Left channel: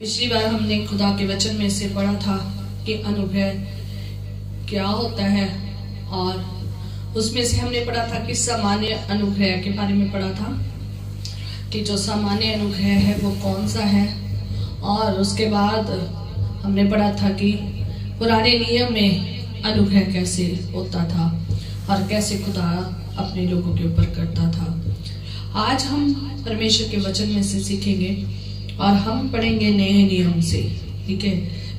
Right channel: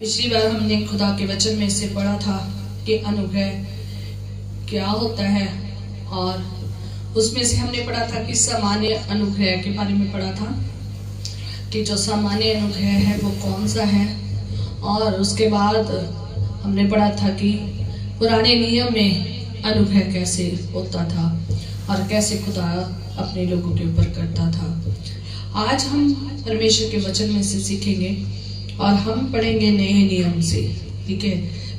पिछली बार हमने खुदा के वचन में से पढ़ा था कि अनुग्रह क्या होता है, और उसमें से हमने पढ़ा था कि सामान्य अनुग्रह के बारे में पढ़ा था कि जो सामान्य अनुग्रह है वो कौन सा है। और उसके बाद हमने पढ़ा था कि पुराने नियम में अनुग्रह कैसे होता था और कैसे खुदा अपने लोगों के ऊपर करता था। आज हम परमेश्वर के वचन में से सीखेंगे और हम पढ़ेंगे नए नियम से। ठीक है,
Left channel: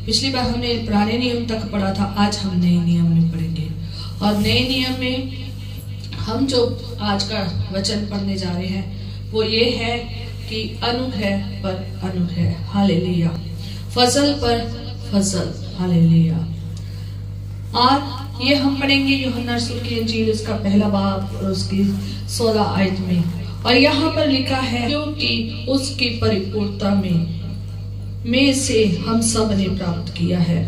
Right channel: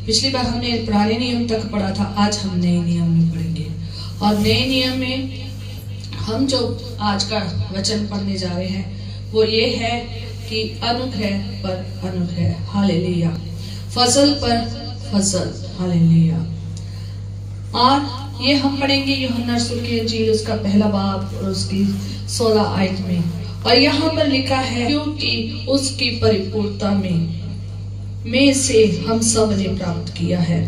पिछली बार हमने पुराने नियम तक पढ़ा था, आज हम नए नियम में पढ़ेंगे। और नए नियम में हम जो आज का वचन पढ़ने जा रहे हैं वो ये है कि अनुग्रह पर अनुग्रह, हालेलुया, फसल पर फसल, हालेलुया। और ये हम पढ़ेंगे यूहन्ना रसूल की इंजील उसका पहला बाब और उसकी 16 आयत में। और यहाँ पर लिखा है क्योंकि उसकी परिपूर्णता में से हम सब ने प्राप्त किया है,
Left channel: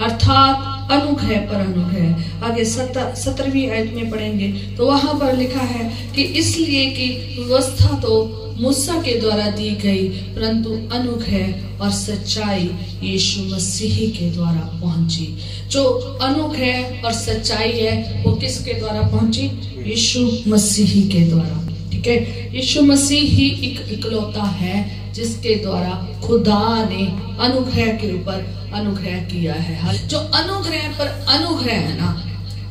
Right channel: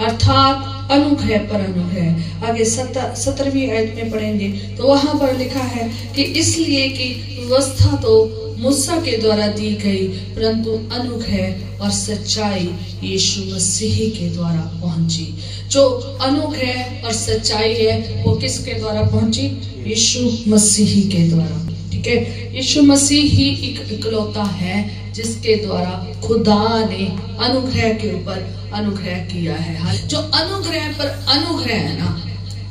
अर्थात अनुग्रह पर अनुग्रह। आगे 17वीं आयत में पढ़ेंगे तो वहां पर लिखा है कि इसलिए कि व्यवस्था तो मूसा के द्वारा दी गई, परंतु अनुग्रह और सच्चाई यीशु मसीह के द्वारा पहुंची। जो अनुग्रह और सच्चाई है वो किसके द्वारा पहुंची? यीशु मसीह के द्वारा। ठीक है, यीशु मसीह ही इकलौता है जिसके द्वारा खुदा ने अनुग्रह के ऊपर अनुग्रह किया है। जो अनुग्रह पर अनुग्रह है ना,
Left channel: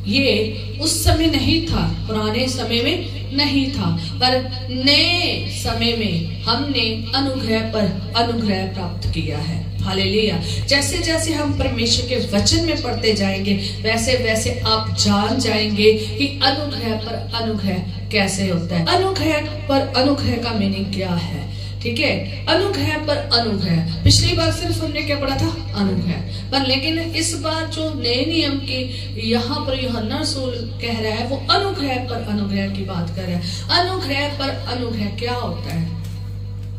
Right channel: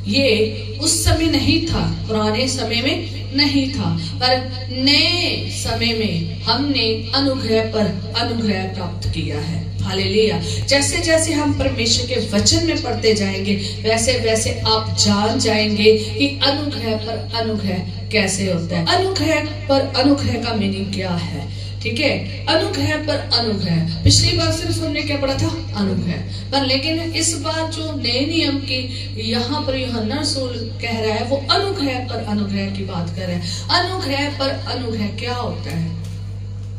ये उस समय नहीं था, पुराने समय में नहीं था, पर नए समय में हमने अनुग्रह पर अनुग्रह प्राप्त किया है। हालेलुया। जैसे जैसे हम परमेश्वर के वचन में पढ़ते जाएंगे वैसे वैसे आप जान जाएंगे कि अनुग्रह पर अनुग्रह कैसे होता है। अनुग्रह पर अनुग्रह का मीनिंग क्या है? ठीक है, अनुग्रह पर अनुग्रह। पिछली बार सिर्फ हमने क्या पढ़ा था? अनुग्रह पर। लेकिन इस बार जो नए नियम की यहाँ पर यूहन्ना रसूल कह रहा है वो अनुग्रह पर अनुग्रह की बात कर रहा है। अनुग्रह पर अनुग्रह क्या होता है?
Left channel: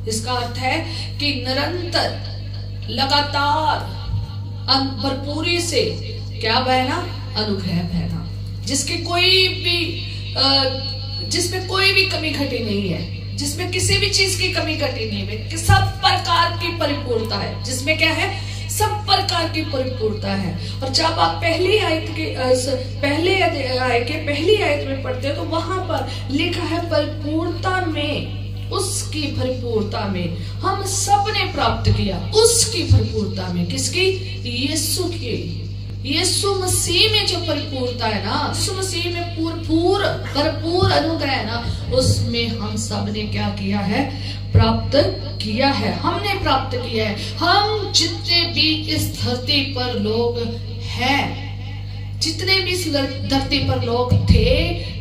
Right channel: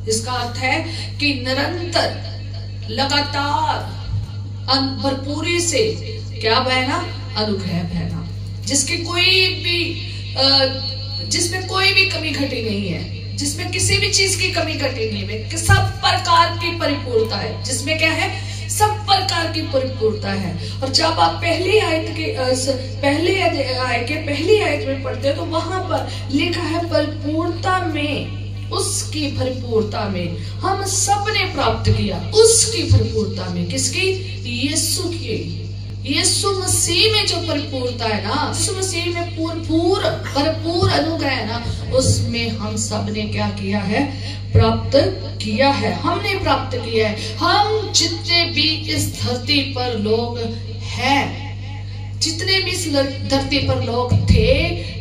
इसका अर्थ है कि निरंतर, लगातार, भरपूरी से क्या बहना? अनुग्रह बहना, जिसमें कोई भी कमी घटी नहीं है, जिसमें किसी भी चीज की कमी घटी नहीं है, सब प्रकार की परिपूर्णता है। जिसमें क्या है? सब प्रकार की परिपूर्णता है। और जब आप पहली आयत में पढ़ते हो तो वहां पर लिखा है परिपूर्णता में, उसकी परिपूर्णता में हम सब ने प्राप्त किया। उसकी परिपूर्णता में, किसकी? यीशु की, यीशु मसीह में जो परिपूर्णता है ना, यीशु मसीह में भरपूर अनुग्रह है ना, उसमें हम सब ने क्या किया है? प्राप्त किया है। हमने प्राप्त किया है। हम जितने भी इस धरती पर लोग हैं, जितने भी इस धरती पर लोग थे,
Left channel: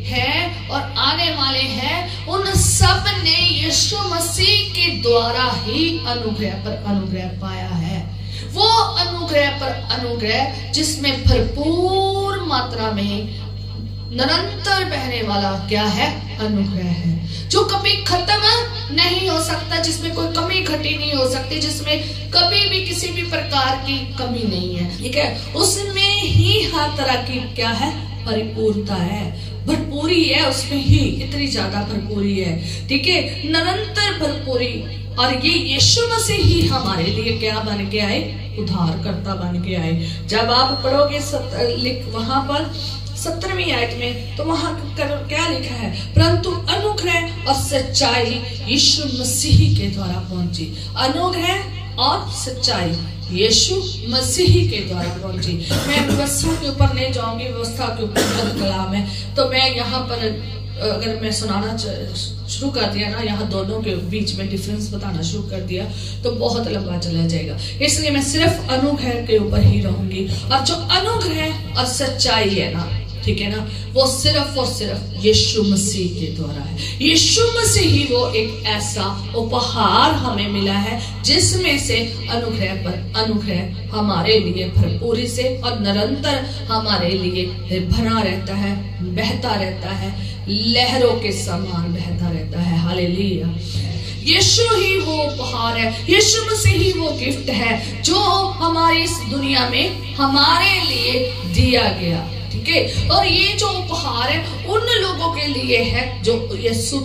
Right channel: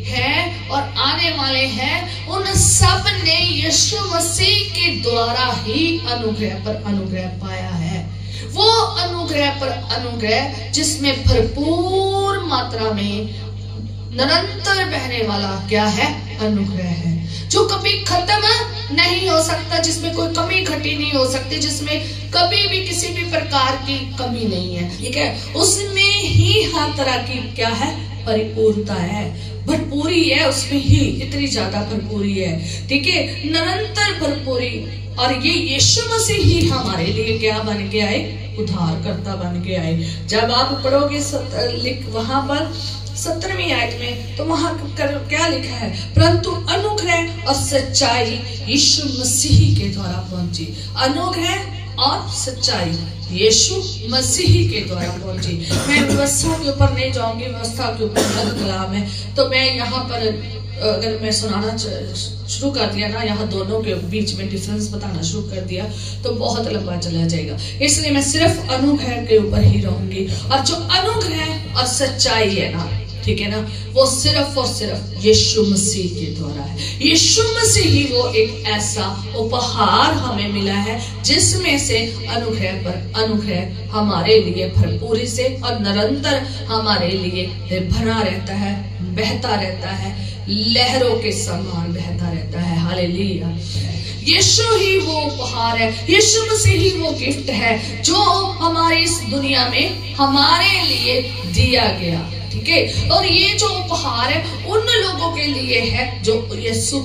हैं और आने वाले हैं, उन सब ने यीशु मसीह के द्वारा ही अनुग्रह पर अनुग्रह पाया है। वो अनुग्रह पर अनुग्रह जिसमें भरपूर मात्रा में निरंतर बहने वाला क्या है? अनुग्रह है, जो कभी खत्म नहीं हो सकता, जिसमें कोई कमी घटी नहीं हो सकती, जिसमें कभी भी किसी भी प्रकार की कमी नहीं है। ठीक है, उसमें ही हर तरह की क्या है? परिपूर्णता है, भरपूरी है, उसमें ही इतनी ज्यादा भरपूरी है। ठीक है, निरंतर भरपूरी। और ये यीशु मसीह ही हमारे लिए क्या बन के आए? उद्धारकर्ता बन के आए। जब आप पढ़ोगे वहां पर 17वीं आयत में तो वहां क्या लिखा है? परंतु अनुग्रह और सच्चाई यीशु मसीह के द्वारा पहुंची। अनुग्रह और सच्चाई यीशु मसीह के द्वारा पहुंची। मैं व्यवस्था के ऊपर नहीं जाऊंगी, व्यवस्था के ऊपर कलाम है, तो मैं यहाँ पर अगर मैं सुनाना शुरू कर दिया ना, यहाँ दोनों के बीच में डिफरेंस बताना शुरू कर दिया तो बहुत लंबा चला जाएगा। इसलिए मैं सिर्फ अनुग्रह के ऊपर ही रहूंगी। और जो अनुग्रह और सच्चाई है ना, ठीक है ना, वो सिर्फ और सिर्फ यीशु मसीह के द्वारा है। यीशु मसीह ही वो एक ऐसा उपहार हमें मिला है जिसमें से अनुग्रह पर अनुग्रह हमारे लिए भरपूरी से और निरंतर हमारे लिए भरा रहता है, बहता रहता है, लहरों के समान बहता रहता है। हालेलुया। यीशु ही वो उपहार है, यीशु मसीह ही वो गिफ्ट है जो हमारी इस दुनिया में हमारे लिए दिया गया। ठीक है। और ये जो उपहार है उन लोगों के लिए है जो यीशु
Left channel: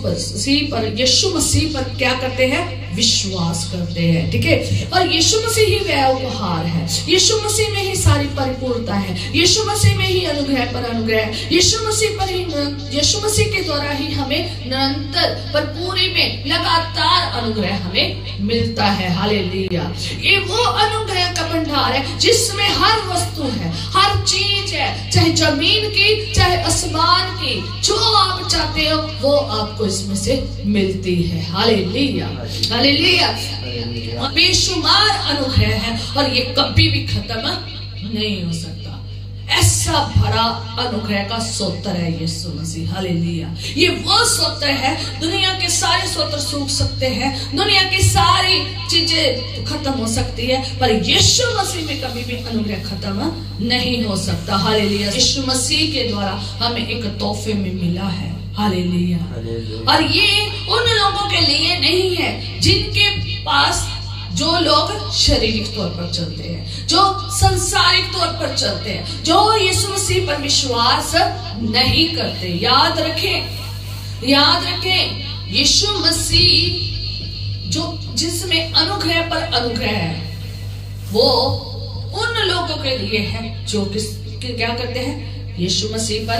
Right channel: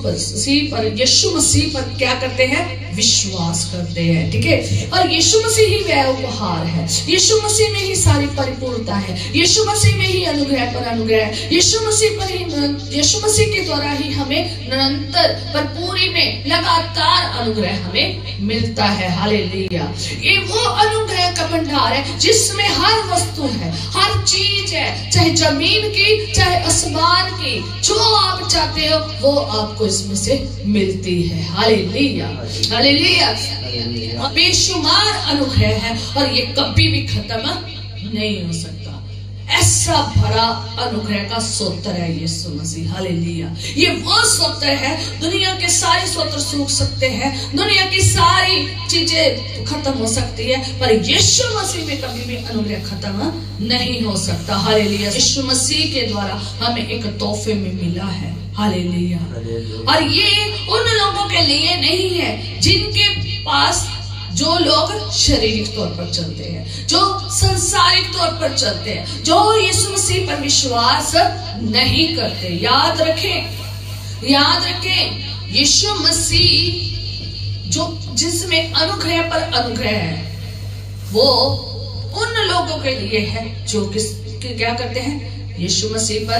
मसीह पर क्या करते हैं, विश्वास करते हैं, ठीक है। और यीशु मसीह ही वह उपहार है, यीशु मसीह में ही सारी परिपूर्णता है, यीशु मसीह में ही अनुग्रह पर अनुग्रह, यीशु मसीह के द्वारा ही हमें निरंतर पर पूरी में लगातार अनुग्रह हमें मिलता है। हालेलुया। ये वो अनुग्रह का भंडार है जिसमें हर वस्तु है, हर चीज है, चाहे जमीन की चाहे आसमान की, जो आप चाहते हो वो आपको इसमें से मिलती है। Hallelujah hallelujah. बेशुमार अनुग्रह है और ये कभी भी खत्म नहीं हो सकता। ऐसा बड़ा अनुग्रह का स्तोत्र है यीशु मसीह। हालेलुया। ये वो स्तोत्र है, दुनिया के सारे स्तोत्र सूख सकते हैं, दुनिया की सारी चीजें खत्म हो सकती है, पर यीशु मसीह में कभी भी अनुग्रह खत्म नहीं हो सकता। हालेलुया। यीशु मसीह के द्वारा हमें एक तोहफे में मिला है। हालेलुया। और ये उन लोगों के लिए नहीं है जिनके पास, जो लोग शारीरिक तौर पर चलते हैं, जो संसारिक तौर पर चलते हैं, जो यीशु मसीह पर विश्वास नहीं करते। याद रखें यीशु मसीह जो जिसमें अनुग्रह पर अनुग्रह है, वो उन लोगों के लिए है जो क्या करते हैं, यीशु मसीह पर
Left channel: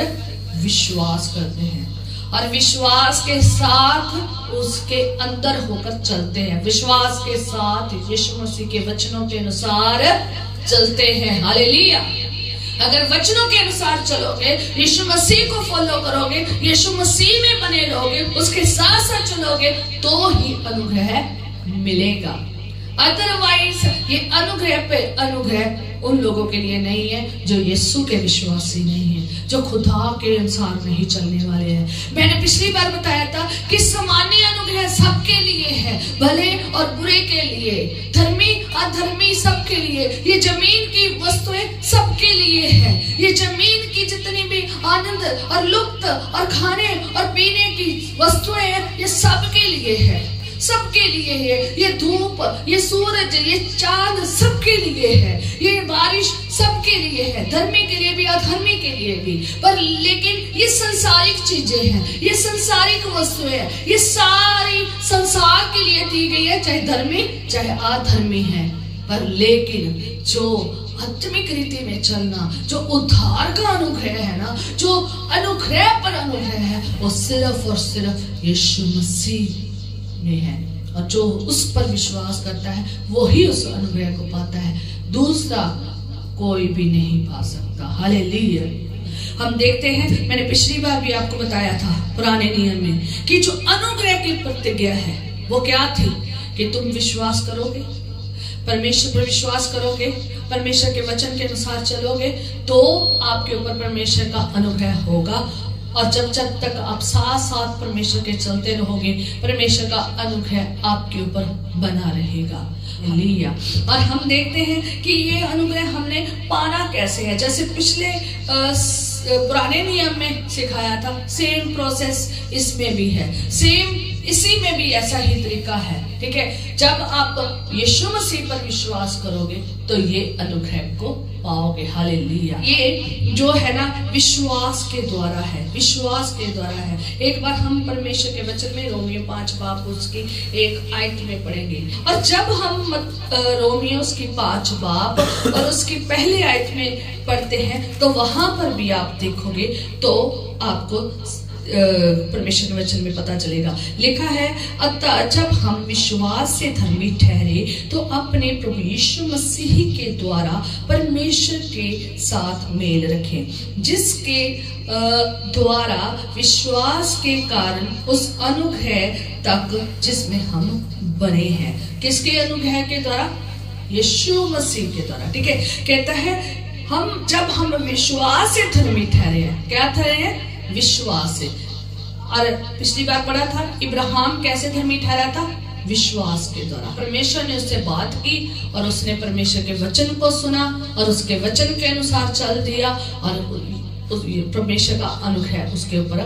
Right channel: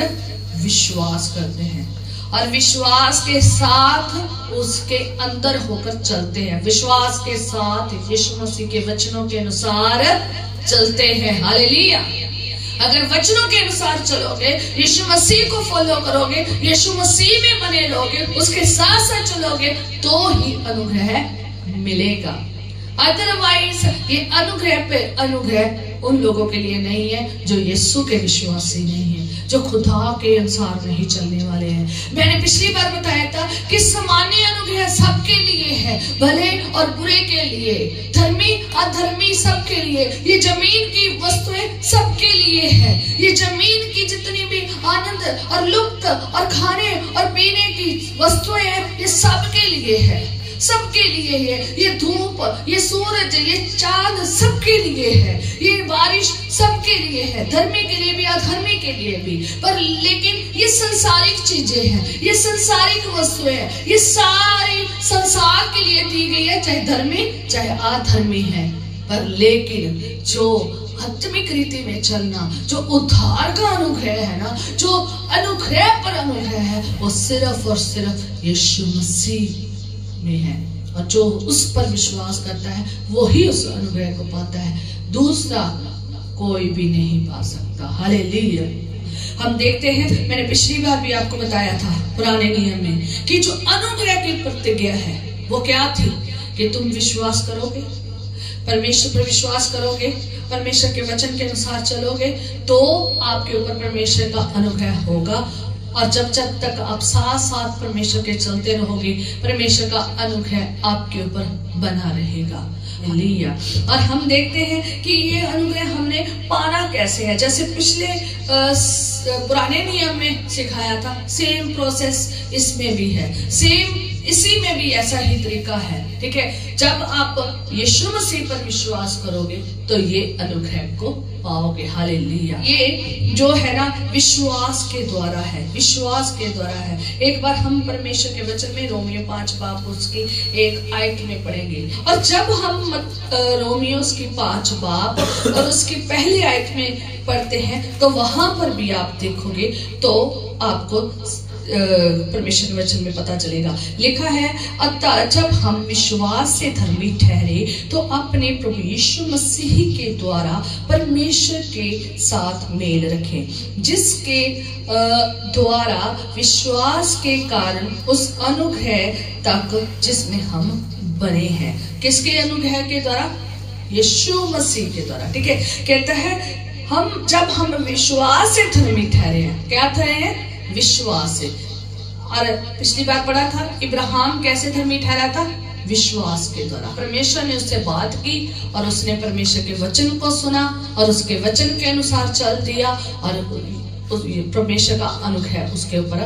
विश्वास करते हैं और विश्वास के साथ उसके अंदर होकर चलते हैं, विश्वास के साथ यीशु मसीह के वचनों के अनुसार चलते हैं। हालेलुया। अगर वचनों के अनुसार चलोगे, यीशु मसीह को फॉलो करोगे, यीशु मसीह में बने रहोगे, उसके साथ साथ चलोगे, तो ही अनुग्रह मिलेगा। अदरवाइज ये अनुग्रह पे अनुग्रह उन लोगों के लिए नहीं है जो यीशु के विश्वासी नहीं है, जो खुदा के अनुसार नहीं चलने वाले हैं। मैंने पिछली बार बताया था कि सामान्य अनुग्रह सबके लिए है, भले और बुरे के लिए, धर्मी अधर्मी सबके लिए। ये जमीन की वस्तुएं सबके लिए है, ये जमीन की जितनी भी आनंद और लुप्त और खाने और पीने की वस्तुएं हैं, ये सबके लिए है, सबके लिए है। ये धूप, ये सूरज, ये चांद सबके लिए है, ये बारिश सबके लिए है, धर्मी के लिए भी अधर्मी के लिए भी। पर लेकिन ये संसारिक चीजें हैं, ये संसारिक वस्तुएं हैं, ये सारी संसार के लिए दी गई है, चाहे धर्मी चाहे अधर्मी है। पर लेकिन जो आत्मिक रीति में चलना, जो उद्धार का अनुग्रह है ना, जो अनुग्रह पर अनुग्रह है, वो सिर्फ और सिर्फ यीशु मसीह में है। और जो उस पर विश्वास करता है वो ही उस अनुग्रह को पाता है, दूसरा कोई भी नहीं पा सकता। हालेलुया। हम देखते हैं, मैंने पिछली बार भी आपको बताया था पुराने नियम में कि जो अनुग्रह की प्रतिज्ञा है वो क्या थी, कि तुम विश्वास करोगे, परमेश्वर पर विश्वास करोगे, परमेश्वर के वचन के अनुसार चलोगे, तो आपके ऊपर परमेश्वर का अनुग्रह होगा। और जब तक आप साथ साथ परमेश्वर के चलते रहोगे, परमेश्वर का अनुग्रह आपके ऊपर बना रहेगा। हालेलुया। और हम देखते हैं कि ये अनुग्रह हमने पाना कैसे है, जैसे पिछले पुराने नियम में सिखाया था, सेम प्रोसेस इसमें भी है, सेम इसी में भी ऐसा ही तरीका है, ठीक है। जब आप यीशु मसीह पर विश्वास करोगे तो ये अनुग्रह को पाओगे। हालेलुया। ये जो है ना विश्वास के द्वारा है, विश्वास के द्वारा है। एक बार हम परमेश्वर के वचन में रोमियो 5 बाब उसकी 1 आयत में पढ़ेंगे, और जब हम रोमियो उसकी 5 बाब और उसकी पहली आयत में पढ़ते हैं तो वहां पर भी आप देखोगे तो आपको परमेश्वर के वचन में पता चलेगा। लिखा है, अतः जब हम विश्वास से धर्मी ठहरे तो अपने प्रभु यीशु मसीह के द्वारा परमेश्वर के साथ मेल रखें, जिसके द्वारा विश्वास के कारण उस अनुग्रह तक जिसमें हम बने हैं। किसके अनुग्रह के द्वारा? यीशु मसीह के द्वारा, ठीक है। कहता है जब हम विश्वास से धर्मी ठहरे हैं, क्या ठहरे हैं? विश्वास से। और पिछली बार पढ़ा था इब्राहिम कैसे धर्मी ठहरा था? विश्वास के द्वारा। परमेश्वर ने उससे बात की और उसने परमेश्वर के वचन को सुना और उसके वचन के अनुसार चल दिया और परमेश्वर का अनुग्रह उसके ऊपर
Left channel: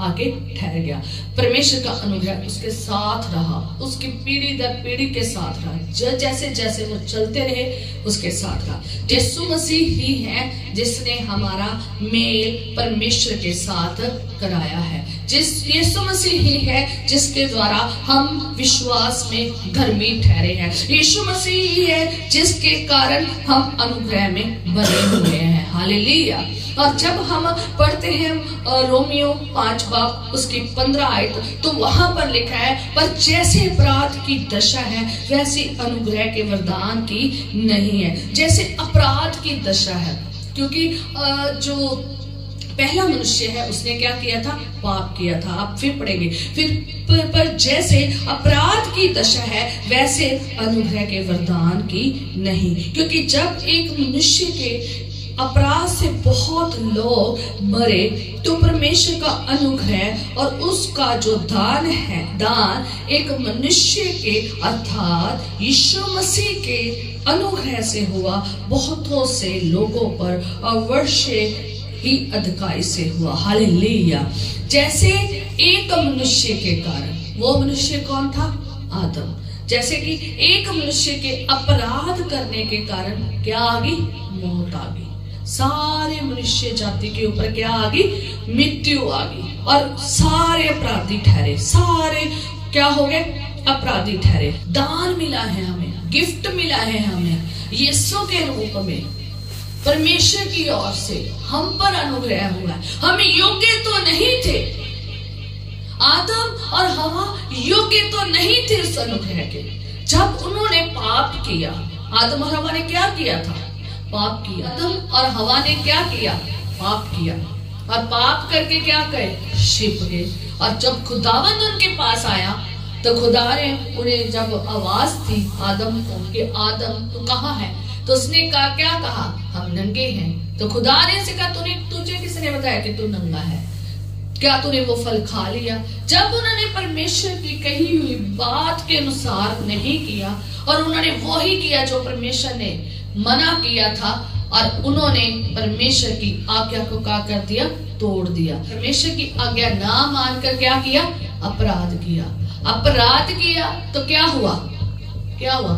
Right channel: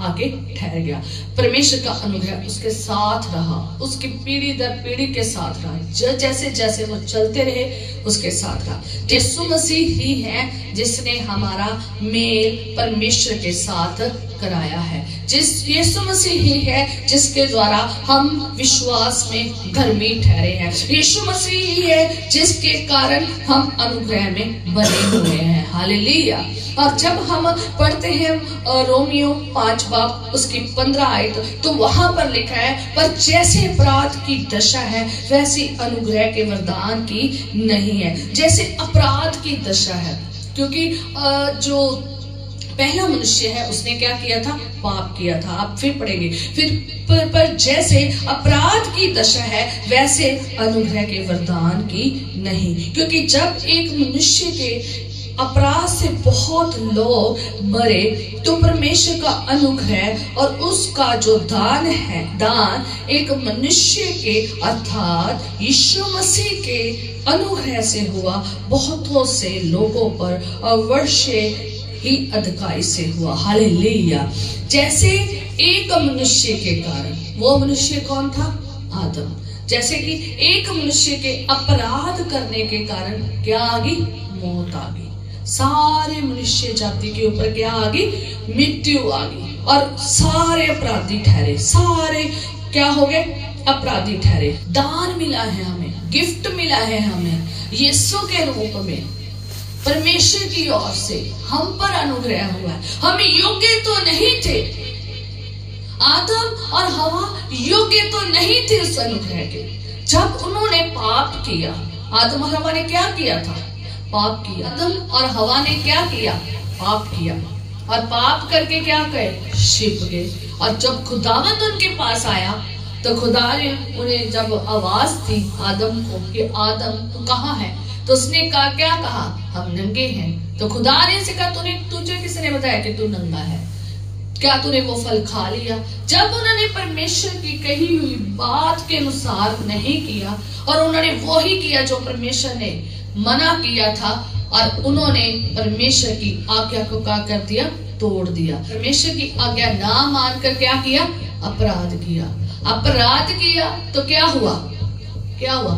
आके ठहर गया। परमेश्वर का अनुग्रह उसके साथ रहा, उसकी पीढ़ी दर पीढ़ी के साथ रहा, जैसे जैसे वो चलते रहे उसके साथ रहा। यीशु मसीह ही है जिसने हमारा मेल परमेश्वर के साथ कराया है। यीशु मसीह ही है जिसके द्वारा हम विश्वास में धर्मी ठहरे हैं। यीशु मसीह ही है जिसके कारण हम अनुग्रह में बने हुए हैं। हालेलुया। और जब हम पढ़ते हैं रोमियो 5 बाब उसकी 15 आयत, तो वहां पर लिखा है, पर जैसे अपराध की दशा है वैसी अनुग्रह के वरदान की नहीं है। जैसे अपराध की दशा है, क्योंकि जो पहला मनुष्य है उसने क्या किया था? पाप किया था। आप फिर पढ़ेंगे। फिर पर जैसे अपराध की दशा है वैसे अनुग्रह के वरदान की नहीं, क्योंकि जब एक मनुष्य के अपराध से बहुत लोग मरे तो परमेश्वर का अनुग्रह और उसका जो दान है, दान एक मनुष्य के अर्थात यीशु मसीह के अनुग्रह से हुआ बहुतों से लोगों पर और वर्षे ही अधिकारी से हुआ। हालेलुया। जैसे एक मनुष्य के कारण, वो मनुष्य कौन था? आदम। जैसे कि एक मनुष्य के अपराध करने के कारण क्या आ गई? मौत आ गई। सारे मनुष्य जाति के ऊपर क्या आ गई? मृत्यु आ गई। और सारे अपराधी ठहरे, सारे क्या हो गए? अपराधी ठहरे। दान मिला है हमें, गिफ्ट मिला है हमें यीशु के रूप में, परमेश्वर की ओर से हम पर अनुग्रह हुआ है। हम योग्य तो नहीं थे, आदम और हवा योग्य तो नहीं थे उस अनुग्रह के। जब उन्होंने पाप किया, आदम और हवा ने क्या किया था? पाप किया। आदम और हवा ने क्या किया? पाप किया। और पाप करके क्या कहे? छिप गए। और जब खुदावंद उनके पास आया तो खुदा ने उन्हें जब आवाज दी आदम को कि आदम तू कहाँ है, तो उसने कहा, क्या कहा? हम नंगे हैं। तो खुदा ने से कहा, तुझे किसने बताया कि तू नंगा है? क्या तूने वो फल खा लिया? जब उन्होंने परमेश्वर की कही हुई बात के अनुसार नहीं किया और उन्होंने वो ही किया जो परमेश्वर ने मना किया था, और उन्होंने परमेश्वर की आज्ञा को क्या कर दिया? तोड़ दिया। परमेश्वर की आज्ञा ना मानकर क्या किया? अपराध किया। अपराध किया तो क्या हुआ? क्या हुआ?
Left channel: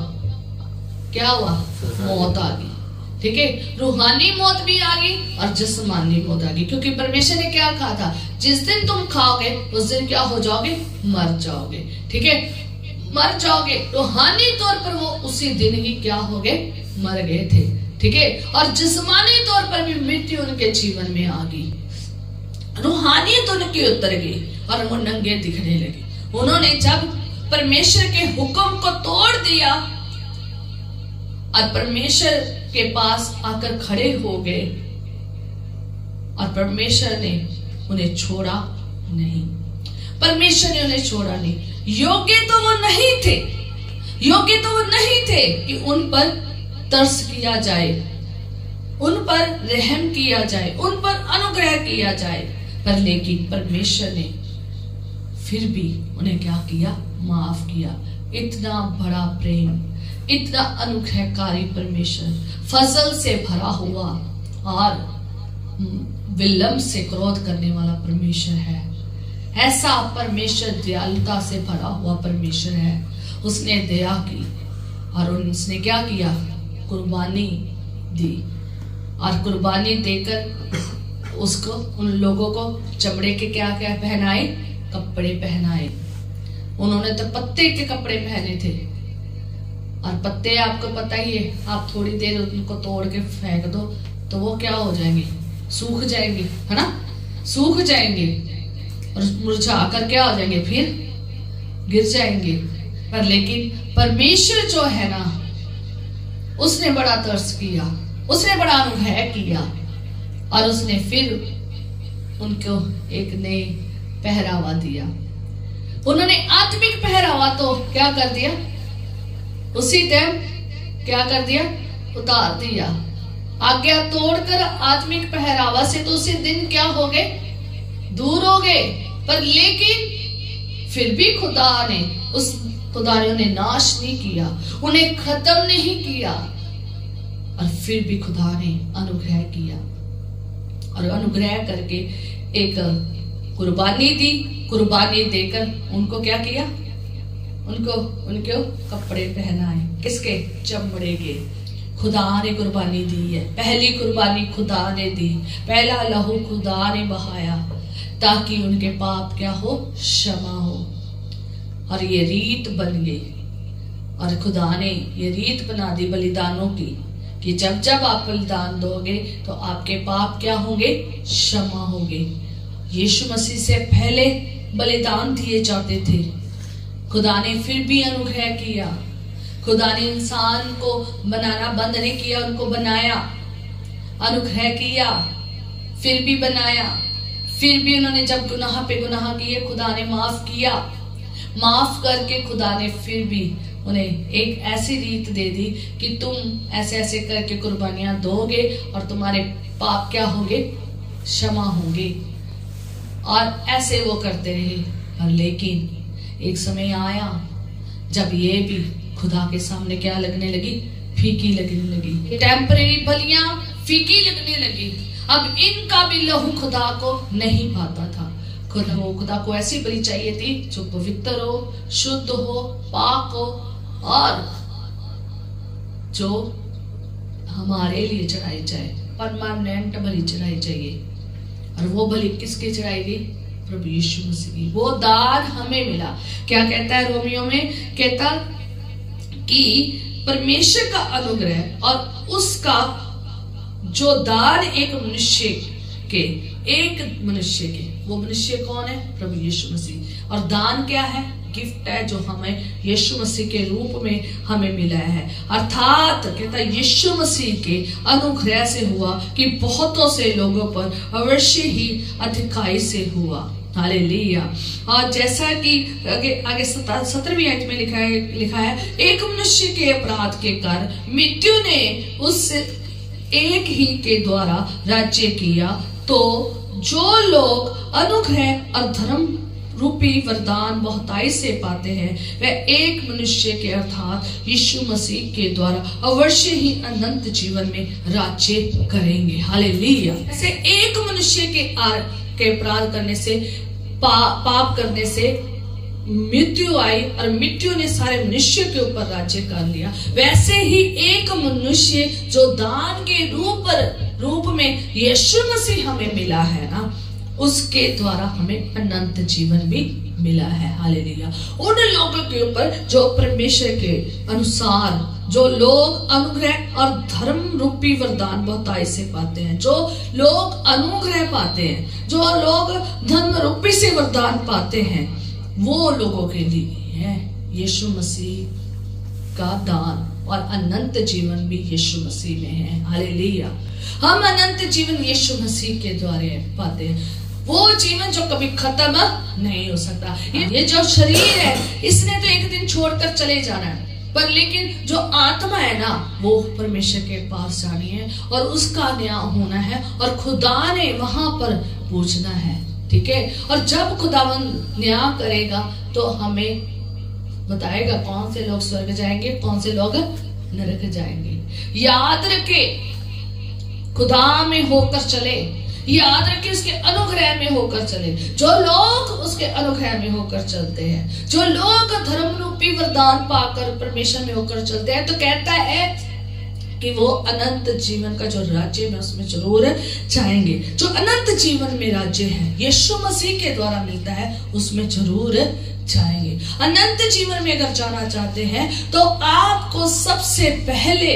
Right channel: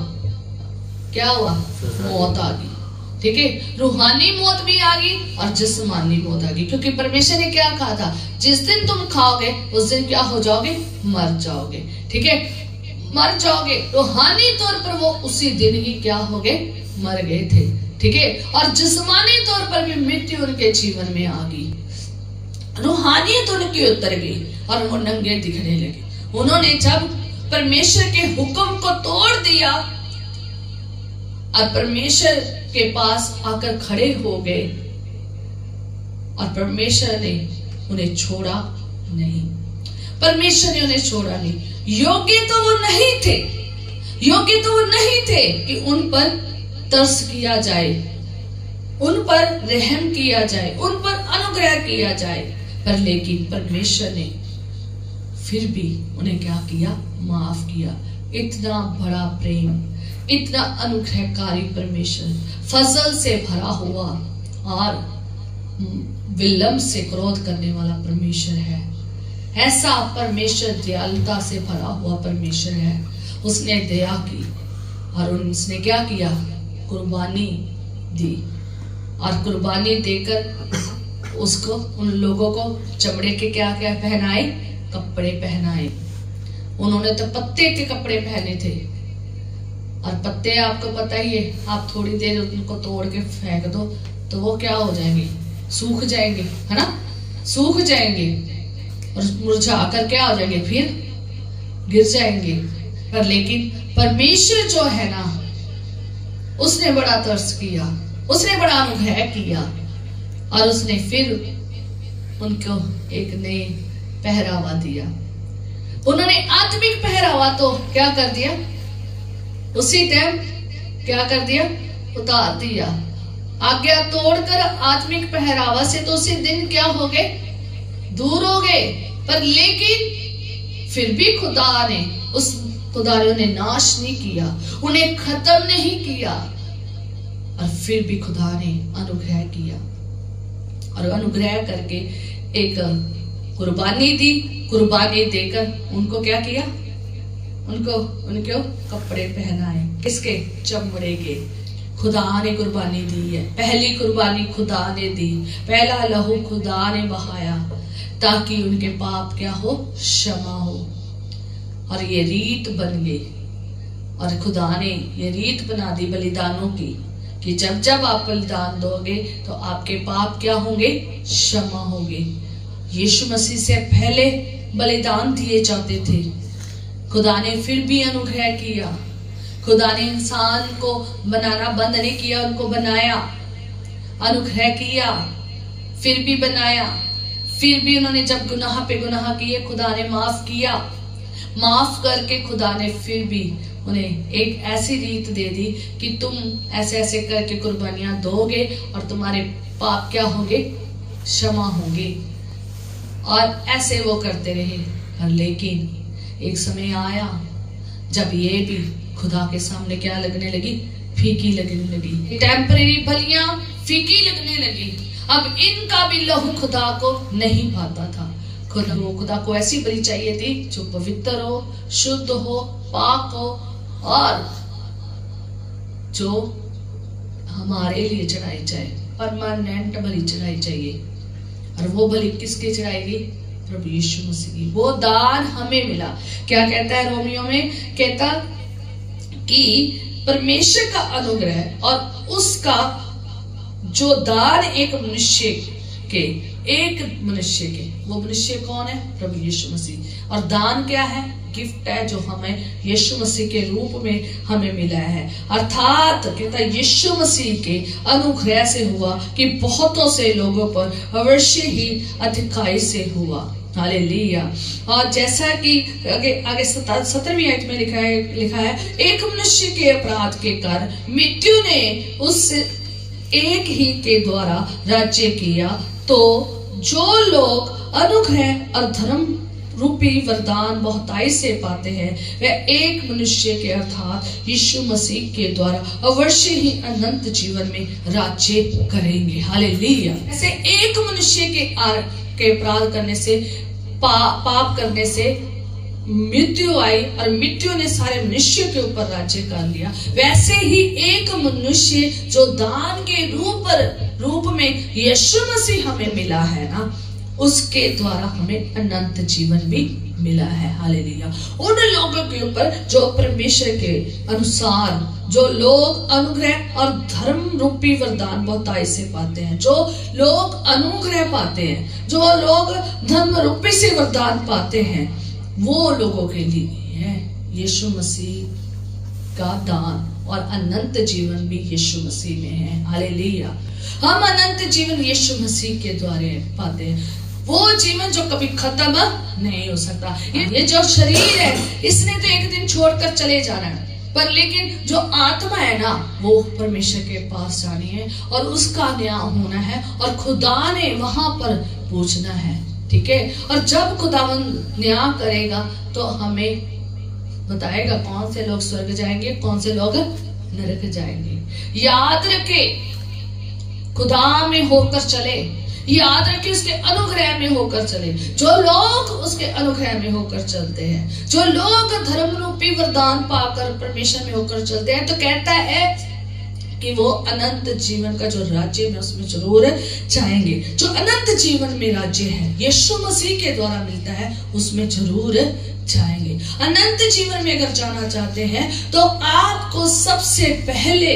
क्या हुआ? मौत आ गई। ठीक है, रूहानी मौत भी आ गई और जिस्मानी मौत आ गई, क्योंकि परमेश्वर ने क्या कहा था? जिस दिन तुम खाओगे उस दिन क्या हो जाओगे? मर जाओगे। ठीक है, मर जाओगे। रूहानी तौर पर वो उसी दिन ही क्या हो गए? मर गए थे। ठीक है, और जिस्मानी तौर पर भी मृत्यु उनके जीवन में आ गई। रूहानियत उनकी उतर गई और वो नंगे दिखने लगे। उन्होंने जब परमेश्वर के हुक्म को तोड़ दिया और परमेश्वर के पास आकर खड़े हो गए और परमेश्वर ने उन्हें छोड़ा नहीं। परमेश्वर ने उन्हें छोड़ा नहीं। योग्य तो वो नहीं थे, योग्य तो वो नहीं थे कि उन पर तरस किया जाए, उन पर रहम किया जाए, उन पर अनुग्रह किया जाए, पर लेकिन परमेश्वर ने फिर भी उन्हें क्या किया? माफ किया। इतना बड़ा प्रेम, इतना अनुग्रहकारी परमेश्वर, फजल से भरा हुआ और विलंब से क्रोध करने वाला परमेश्वर है। ऐसा परमेश्वर दयालुता से भरा हुआ परमेश्वर है। उसने दया की और उसने क्या किया? कुर्बानी दी, और कुर्बानी देकर उसको, उन लोगों को चमड़े के क्या क्या पहनाए? कपड़े पहनाए। उन्होंने तो पत्ते के कपड़े पहने थे, और पत्ते आपको पता ही है, आप थोड़ी देर उनको तोड़ के फेंक दो तो वो क्या हो जाएंगे? सूख जाएंगे, है ना? सूख जाएंगे और मुरझा कर क्या हो जाएंगे? फिर गिर जाएंगे। पर लेकिन परमेश्वर जो है ना, उसने बड़ा तरस किया, उसने बड़ा अनुग्रह किया और उसने फिर उनको एक नई पहरावा दिया। उन्होंने आत्मिक पहरावा तो क्या कर दिया? उसी टाइम क्या कर दिया? उतार दिया। आज्ञा तोड़कर आत्मिक पहरावा से तो उसी दिन क्या हो गए? दूर हो गए। पर लेकिन फिर भी खुदा ने उन्हें नाश नहीं किया, उन्हें खत्म नहीं किया, और फिर भी खुदा ने अनुग्रह किया और अनुग्रह करके एक कुर्बानी दी, कुर्बानी देकर उनको क्या किया, उनको कपड़े पहनाए, किसके, चमड़े के। खुदा ने कुर्बानी दी है, पहली कुर्बानी खुदा ने दी, पहला लहू खुदा ने बहाया ताकि उनके पाप क्या हो, क्षमा हो। और ये रीत बन गई, और खुदा ने ये रीत बना दी बलिदानों की कि जब जब आप बलिदान दोगे तो आपके पाप क्या होंगे, क्षमा होंगे। यीशु मसीह से पहले बलिदान दिए जाते थे, खुदा ने फिर भी अनुग्रह किया। खुदा ने इंसान को बनाना बंद नहीं किया, उनको बनाया, अनुग्रह किया, फिर भी बनाया, फिर भी उन्होंने जब गुनाह पे गुनाह किए खुदा ने माफ किया। माफ करके खुदा ने फिर भी उन्हें एक ऐसी रीत दे दी कि तुम ऐसे ऐसे करके कुर्बानियां दोगे और तुम्हारे पाप क्या होंगे, क्षमा होंगे। और ऐसे वो करते रहे। और लेकिन एक समय आया जब ये भी खुदा के सामने क्या लगने लगी, फीकी लगने लगी। टेम्परेरी बलियां फीकी लगने लगी। अब इनका भी लहू खुदा को नहीं पाता था। खुदा को ऐसी बलि चाहिए थी जो पवित्र हो, शुद्ध हो, पाक हो और जो हमारे लिए चढ़ाई जाए, परमानेंट बलि चढ़ाई चाहिए। और वो बलि किसके चढ़ाएगी, प्रभु यीशु मसीह की। वो दान हमें मिला। क्या कहता है रोमियो में, कहता कि परमेश्वर का अनुग्रह और उसका जो दान एक मनुष्य के, वो मनुष्य कौन है, प्रभु यीशु मसीह। और दान क्या है, गिफ्ट है जो हमें यीशु मसीह के रूप में हमें मिला है। अर्थात कहता है यीशु मसीह के अनुग्रह से हुआ कि बहुतों से लोगों पर अवश्य ही अधिकाई से हुआ। हालेलुया। और जैसा कि आगे 17वीं आयत में लिखा है एक मनुष्य के अपराध के कारण मृत्यु ने उस एक ही के द्वारा राज्य किया, तो जो लोग अनुग्रह और धर्म रूपी वरदान बहुताई से पाते हैं वह एक मनुष्य के अर्थात यीशु मसीह के द्वारा अवश्य ही अनंत जीवन में राज्य करेंगे। हालेलुया। ऐसे एक मनुष्य के अपराध करने से, पाप करने से मृत्यु आई और मृत्यु ने सारे मनुष्य के ऊपर राज्य कर लिया। वैसे ही एक मनुष्य जो दान के रूप में यीशु मसीह हमें मिला है ना, उसके द्वारा हमें अनंत जीवन भी मिला है। हालेलुया। उन लोगों के ऊपर जो परमेश्वर के अनुसार, जो लोग अनुग्रह और धर्म रूपी वरदान बहुताई से पाते हैं, जो लोग अनुग्रह पाते हैं, जो लोग धर्म रूपी से वरदान पाते हैं, वो लोगों के लिए है यीशु मसीह का दान। और अनंत जीवन भी यीशु मसीह में है। हालेलुया। हम अनंत जीवन यीशु मसीह के द्वारा पाते हैं, वो जीवन जो कभी खत्म नहीं हो सकता। ये जो शरीर है इसने तो एक दिन छोड़कर चले जाना है, पर लेकिन जो आत्मा है ना, वो परमेश्वर के पास जानी है और उसका न्याय होना है और खुदा ने वहां पर पूछना है। ठीक है। और जब खुदावन न्याय करेगा तो हमें बताएगा कौन से लोग स्वर्ग जाएंगे, कौन से लोग नरक जाएंगे। याद रखे, खुदा में होकर चले, याद रखे उसके अनुग्रह में होकर चले। जो लोग उसके अनुग्रह में होकर चलते हैं, जो लोग धर्म रूपी वरदान पाकर परमेश्वर में होकर चलते हैं, तो कहता है कि वो अनंत जीवन का जो राज्य में उसमें जरूर जाएंगे। जो अनंत जीवन में राज्य है यीशु मसीह के द्वारा मिलता है, उसमें जरूर जाएंगे। अनंत जीवन में अगर जाना चाहते हैं तो आपको सबसे पहले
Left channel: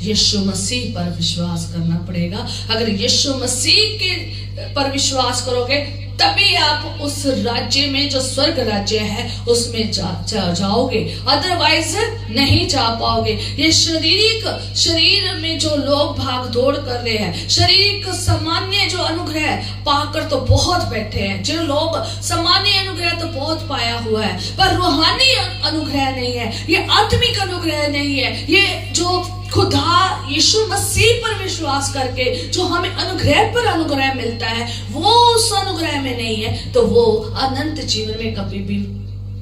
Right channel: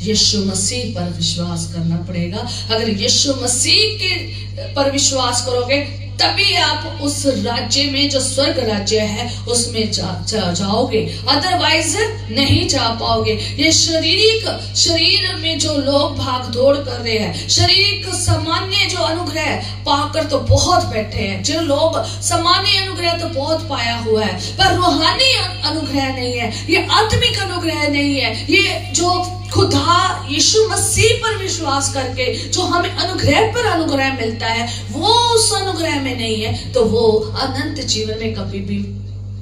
यीशु मसीह पर विश्वास करना पड़ेगा। अगर यीशु मसीह के पर विश्वास करोगे तभी आप उस राज्य में, जो स्वर्ग राज्य है, उसमें जाओगे, अदरवाइज नहीं जा पाओगे। ये शरीर में जो लोग भाग दौड़ कर रहे हैं, शरीर सामान्य जो अनुग्रह पाकर तो बहुत बैठे हैं, जो लोग सामान्य अनुग्रह तो बहुत पाया हुआ है, पर रूहानी अनुग्रह नहीं है, ये आत्मिक अनुग्रह नहीं है, ये जो खुदा यीशु मसीह पर विश्वास करके जो हमें अनुग्रह पर अनुग्रह मिलता है, वो उस अनुग्रह में नहीं है, तो वो अनंत जीवन में कभी भी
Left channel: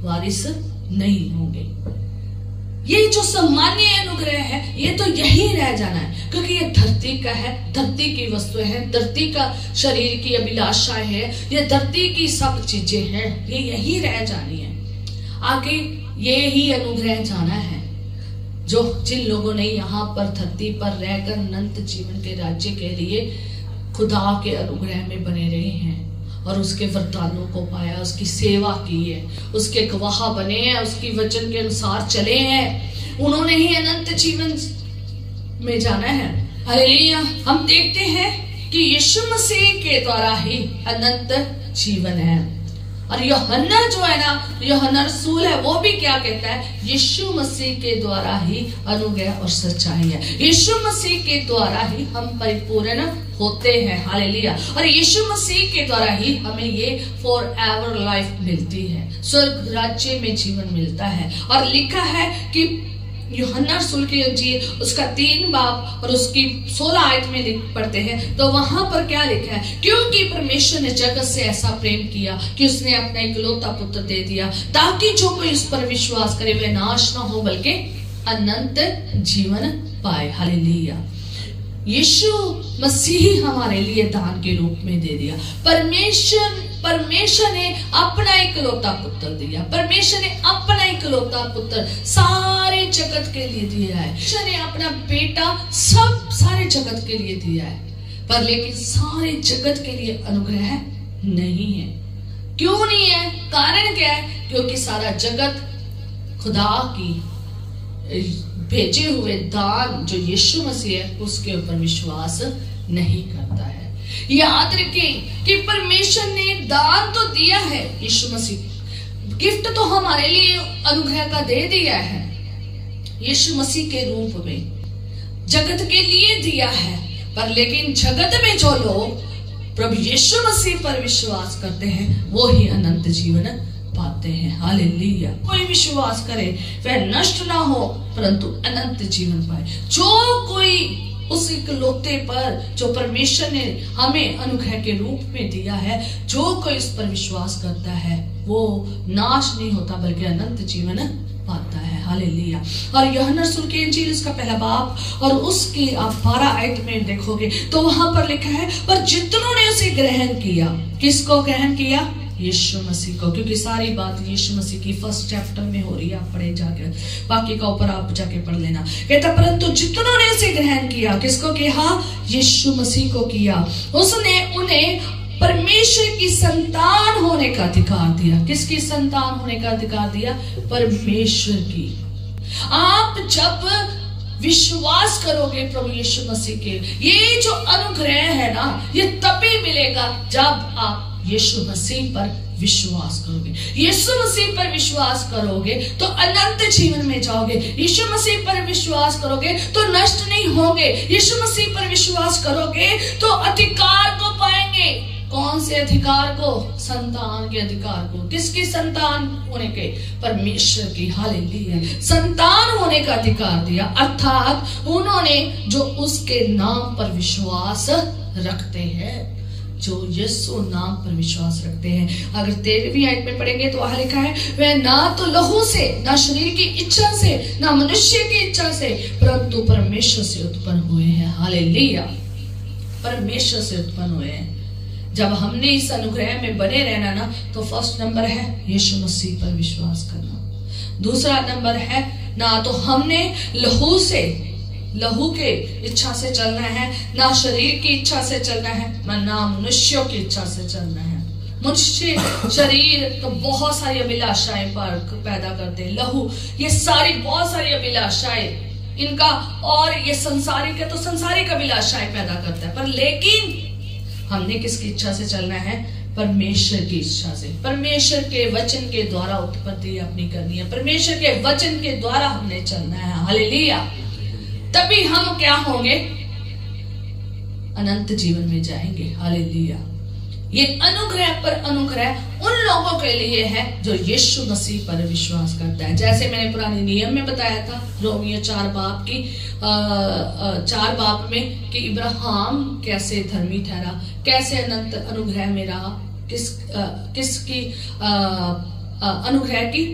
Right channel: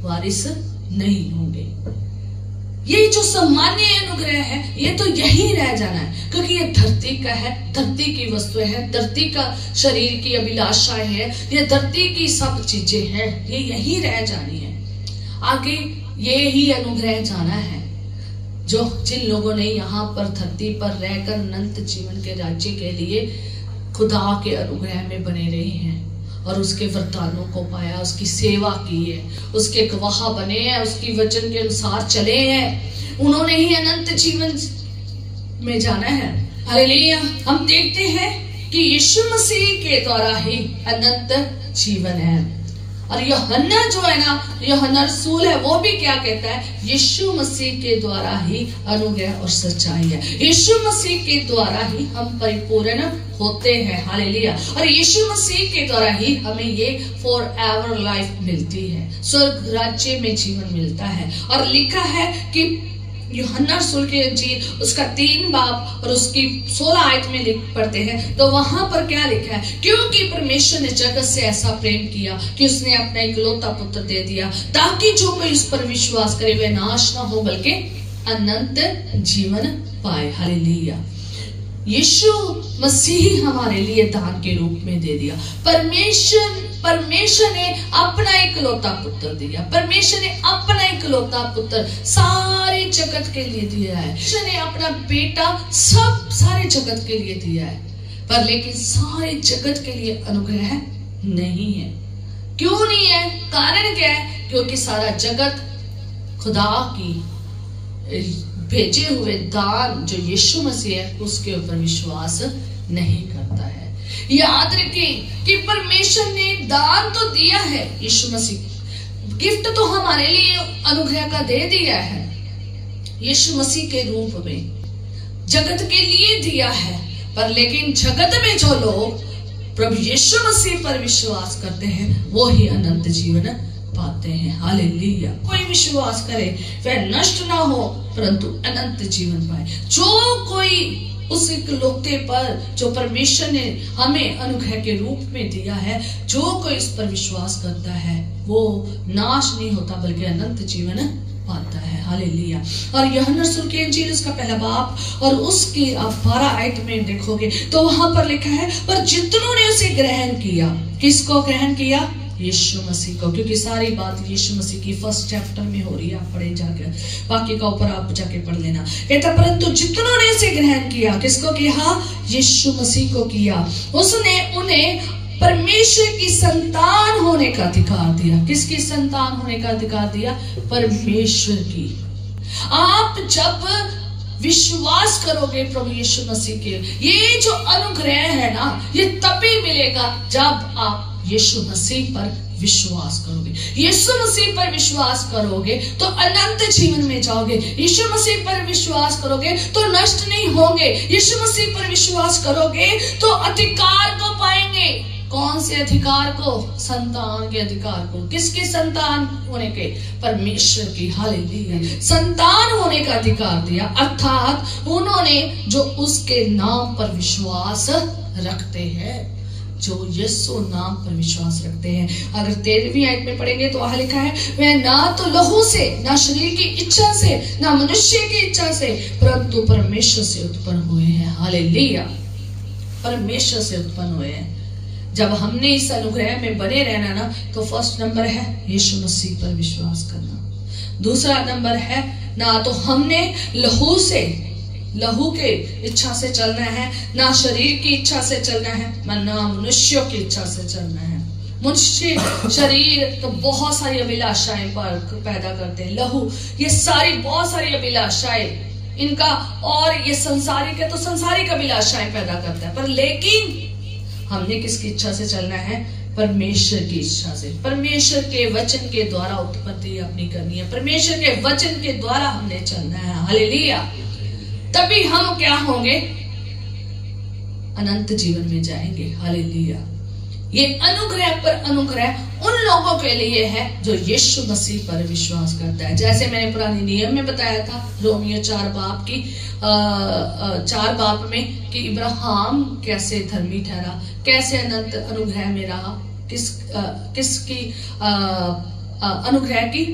वारिस नहीं होंगे। ये जो सामान्य अनुग्रह है ये तो यही रह जाना है, क्योंकि ये धरती का है, धरती की वस्तुएं हैं, धरती का शरीर की अभिलाषाएं है, ये धरती की सब चीजें हैं, ये यही रह जानी है। आगे ये ही अनुग्रह जाना है जो जिन लोगों ने यहाँ पर धरती पर रहकर अनंत जीवन के राज्य के लिए खुदा के अनुग्रह में बने रहे हैं और उसके वरदानों को पाया, उसकी सेवा की है, उसके गवाह बने हैं, उसकी वचन के अनुसार चले हैं, उन्होंने ही अनंत जीवन में जाना है। हालेलुया। हम देखते हैं कि यीशु मसीह के द्वारा ही अनंत जीवन है। और यूहन्ना जो है ना, यूहन्ना रसूल है, वो भी क्या कहता है, यीशु मसीह के द्वारा ही अनुग्रह और सच्चाई है, यीशु मसीह के द्वारा ही हम परिपूर्ण होते हैं। हालेलुया। और यीशु मसीह के द्वारा ही हमें ये फॉर एवर लाइफ मिलती है, स्वर्ग राज्य में जीवन मिलता है। और लिखा है कि यूहन्ना रसूल की इंजील उसका 3 बाब और उसकी 16 आयत में लिख पढ़ते हैं, तो वहां पर क्या लिखा है, क्योंकि परमेश्वर ने जगत से ऐसा प्रेम किया कि उसने अपना इकलौता पुत्र दे दिया, ताकि जो कोई उस पर विश्वास करे वह नाश ना हो बल्कि अनंत जीवन पाए। हालेलुया। यीशु मसीह हमारे लिए दान के रूप में दे दिया। परमेश्वर ने अपना इकलौता पुत्र दिया, परमेश्वर ने अपना इकलौता पुत्र सारे जगत के लिए दिया है। परमेश्वर ने अपना बेटा सब सारे जगत के लिए दिया है, पर लेकिन सारे जगत के लिए अनुग्रह नहीं है। क्यों नहीं है? कारण क्या है? क्योंकि सारा जगत खुदा की भेजे हुए दान जो यीशु मसीह है उसके ऊपर विश्वास नहीं करता है। याद रखें कि परमेश्वर ने दान तो दिया है, यीशु मसीह गिफ्ट तो हमारे लिए अनुग्रह का दे दिया है, यीशु मसीह के रूप में जगत के लिए दिया है, पर लेकिन जगत में जो लोग प्रभु यीशु मसीह पर विश्वास करते हैं वो ही अनंत जीवन पाते हैं। हालेलुया। कोई विश्वास करे वह नष्ट ना हो परंतु अनंत जीवन पाए। जो कोई उस इकलौते पर जो परमेश्वर ने हमें अनुग्रह के रूप में दिया है, जो कोई इस पर विश्वास करता है वो नाश नहीं होता बल्कि अनंत जीवन पाता है। हालेलुया। और यूहन्ना रसूल की इंजील उसका 1 बाब और उसकी आप 12 आयत में देखोगे तो वहां पर लिखा है, पर जितनों ने उसे ग्रहण किया, किसको ग्रहण किया? यीशु मसीह को, क्योंकि सारी बात यीशु मसीह की 1 चैप्टर में हो रही है, आप पढ़े जाके, बाकी का ऊपर आप जाके पढ़ लेना। कहता परंतु जितनों ने उसे ग्रहण किया, किसको किया? यीशु मसीह को किया, उसने उन्हें परमेश्वर की संतान होने का अधिकार दिया। किसकी संतान होने का अधिकार दिया? परमेश्वर की। आप जब विश्वास करोगे प्रभु यीशु मसीह के, ये जो अनुग्रह है ना, ये तभी मिलेगा जब आप यीशु मसीह पर विश्वास करोगे। यीशु मसीह पर विश्वास करोगे तो अनंत जीवन में जाओगे। यीशु मसीह पर विश्वास करोगे तो नष्ट नहीं होंगे। यीशु मसीह पर विश्वास करोगे तो अधिकार को पाएंगे। कौन से अधिकार को? संतान के अधिकार को। किसकी संतान होने के? परमेश्वर की। हालेलुया। संतान होने का अधिकार दिया, अर्थात उन्होंने जो उसके नाम पर विश्वास रखते हैं, जो यीशु नाम पर विश्वास रखते हैं। अगर 13वीं आयत में पढ़ेंगे तो वहां लिखा है, वह ना तो लहू से, ना शरीर की इच्छा से, ना मनुष्य की इच्छा से, परंतु परमेश्वर से उत्पन्न हुए हैं। हालेलुया। परमेश्वर से उत्पन्न हुए हैं। जब हमने इस अनुग्रह में बने रहना ना, तो फर्स्ट नंबर है यीशु मसीह पर विश्वास करना। दूसरा नंबर है, ना तो हमने लहू के इच्छा से चलना है, ना शरीर की इच्छा से चलना है, ना मनुष्यों की इच्छा से चलना है। मनुष्य शरीर तो बहुत सारी अभिलाषाएं पैदा करते हैं, लहू ये सारी बहुत सारी अभिलाषाएं इनका, और ये संसारिक है तो संसारिक अभिलाषाएं पैदा करता है। पर लेकिन हमने किसकी इच्छा से चलना है? परमेश्वर की इच्छा से। परमेश्वर के वचन के द्वारा उत्पत्ति अपनी करनी है, परमेश्वर के वचन के द्वारा हमने चलना है। हालेलुया। तभी हम क्या होंगे? अनंत जीवन में जाएंगे। हालेलुया। ये अनुग्रह पर अनुग्रह उन लोगों के लिए है जो यीशु मसीह पर विश्वास करता है। जैसे मैंने पुराने नियम में बताया था, रोमियो 4 बाब की 4 बाब में, कि इब्राहिम कैसे धर्मी ठहरा, कैसे अनंत अनुग्रह में रहा, किसकी अनुग्रह की?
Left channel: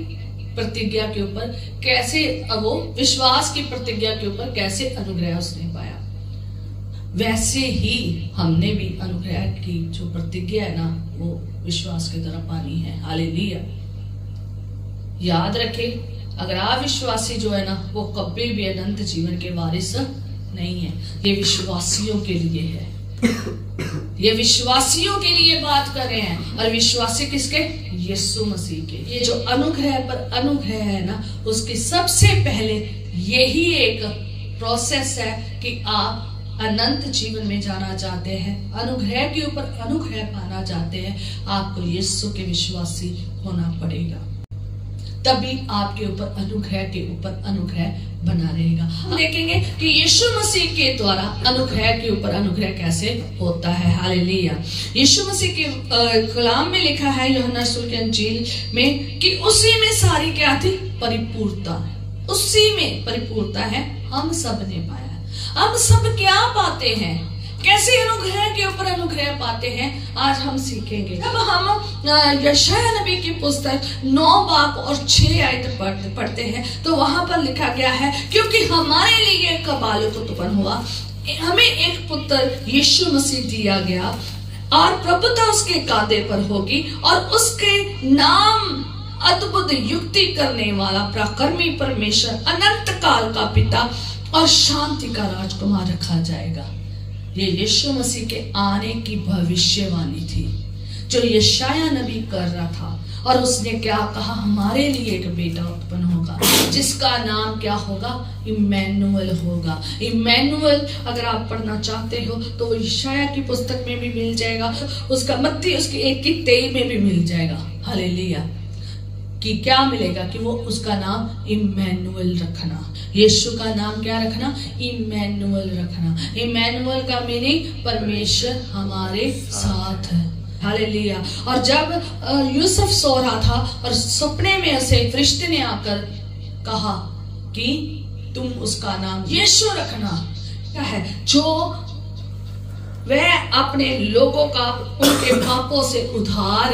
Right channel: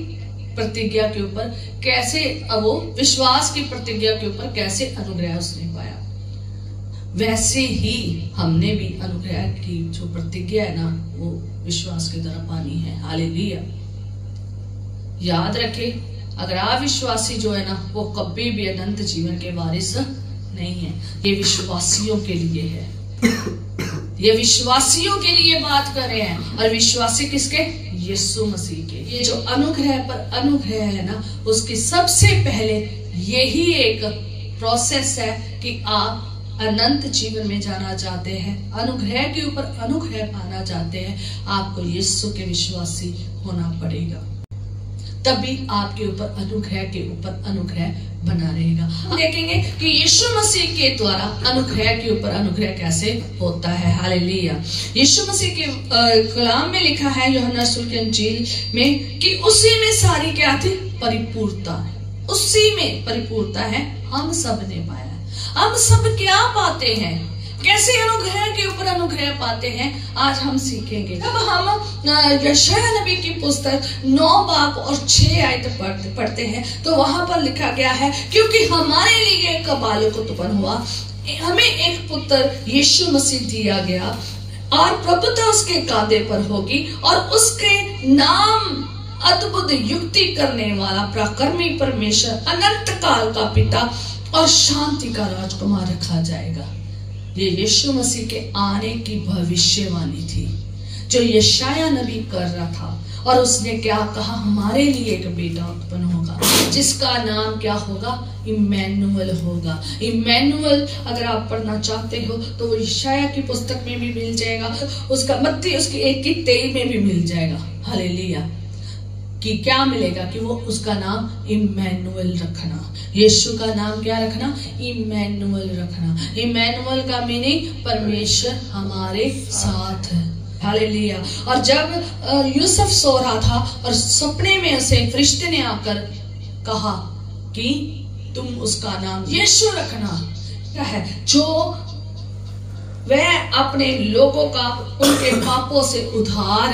प्रतिज्ञा के ऊपर कैसे, वो विश्वास की प्रतिज्ञा के ऊपर कैसे अनुग्रह उसने पाया, वैसे ही हमने भी अनुग्रह की जो प्रतिज्ञा है ना वो विश्वास के द्वारा पानी है। हालेलुया। याद रखें, अगर अविश्वासी जो है ना वो कभी भी अनंत जीवन के वारिस नहीं है। ये विश्वासियों के लिए है, ये विश्वासियों के लिए बात कर रहे हैं। और विश्वासी किसके? यीशु मसीह के। ये जो अनुग्रह पर अनुग्रह है ना, उसकी सबसे पहले यही एक प्रोसेस है कि आप अनंत जीवन में जाना चाहते हैं, अनुग्रह के ऊपर अनुग्रह पाना चाहते हैं, आपको यीशु के विश्वासी होना पड़ेगा, तभी आपके ऊपर अनुग्रह के ऊपर अनुग्रह बना रहेगा। हम देखेंगे कि यीशु मसीह के द्वारा अनुग्रह के ऊपर अनुग्रह कैसे होता है। हालेलुया। यीशु मसीह के कलाम में लिखा है यूहन्ना रसूल की इंजील में कि उसी में सारी क्या थी? परिपूर्णता है। उसी में परिपूर्णता है, हम सब ने पाया। हम सब क्या पाते हैं, कैसे अनुग्रह के ऊपर अनुग्रह पाते हैं, आज हम सीखेंगे। जब हम यशायाह नबी की पुस्तक 9 बाब और 6 आयत पढ़ते हैं तो वहां पर लिखा गया है, क्योंकि हमारे लिए एक बालक उत्पन्न हुआ, हमें एक पुत्र यीशु मसीह दिया गया और प्रभुता उसके कांधे पर होगी और उसके नाम अद्भुत युक्ति करने वाला, पराक्रमी परमेश्वर, अनंत काल का पिता और शांति का राजकुमार रखा जाएगा। ये यीशु मसीह के आने की भविष्यवाणी थी जो यशायाह नबी कर रहा था। और उसने क्या कहा? हमारे लिए एक बेटा उत्पन्न होगा जिसका नाम क्या होगा? इम्मैनुअल होगा। इम्मैनुअल अगर आप पढ़ना चाहते हो तो वो यशायाह की पुस्तक में भी मिल जाएगा, उसका मत्ती उसकी 1:23 में भी मिल जाएगा। हालेलुया। कि क्या मिलेगा? कि वो उसका नाम इम्मैनुअल रखना, यीशु का नाम क्या रखना? इम्मैनुअल रखना। इम्मैनुअल का मीनिंग परमेश्वर हमारे साथ है। हालेलुया। और जब यूसुफ सो रहा था और सपने में उसे फरिश्ते ने आकर कहा कि तुम उसका नाम यीशु रखना, क्या है? जो वह अपने लोगों का उनके पापों से उद्धार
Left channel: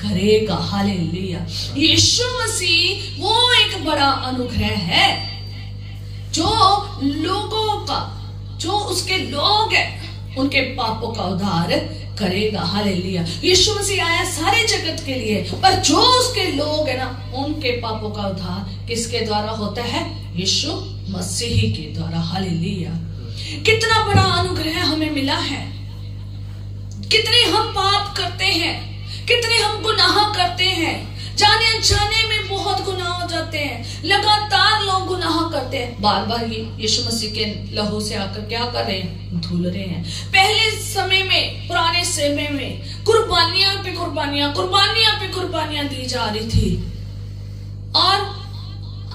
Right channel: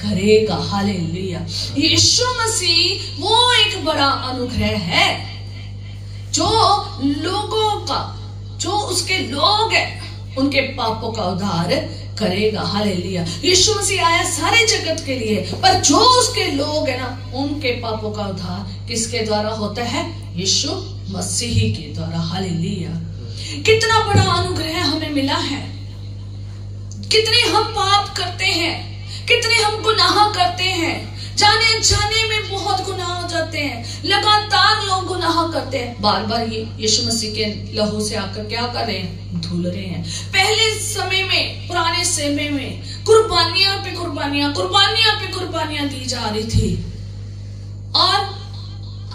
करेगा। हालेलुया। यीशु मसीह वो एक बड़ा अनुग्रह है जो लोगों का, जो उसके लोग हैं उनके पापों का उद्धार करेगा। हालेलुया। यीशु मसीह आया सारे जगत के लिए, पर जो उसके लोग हैं ना उनके पापों का उद्धार किसके द्वारा होता है? यीशु मसीह के द्वारा। हालेलुया। कितना बड़ा अनुग्रह हमें मिला है। कितने हम पाप करते हैं, कितने हम गुनाह करते हैं, जाने अनजाने में बहुत गुनाह हो जाते हैं। लगातार लोग गुनाह करते हैं, बार बार ये यीशु मसीह के लहू से आकर क्या कर रहे हैं? धुल रहे हैं। पहले समय में, पुराने समय में कुर्बानियां पे कुर्बानियां, कुर्बानियां पे कुर्बानियां दी जा रही थी, और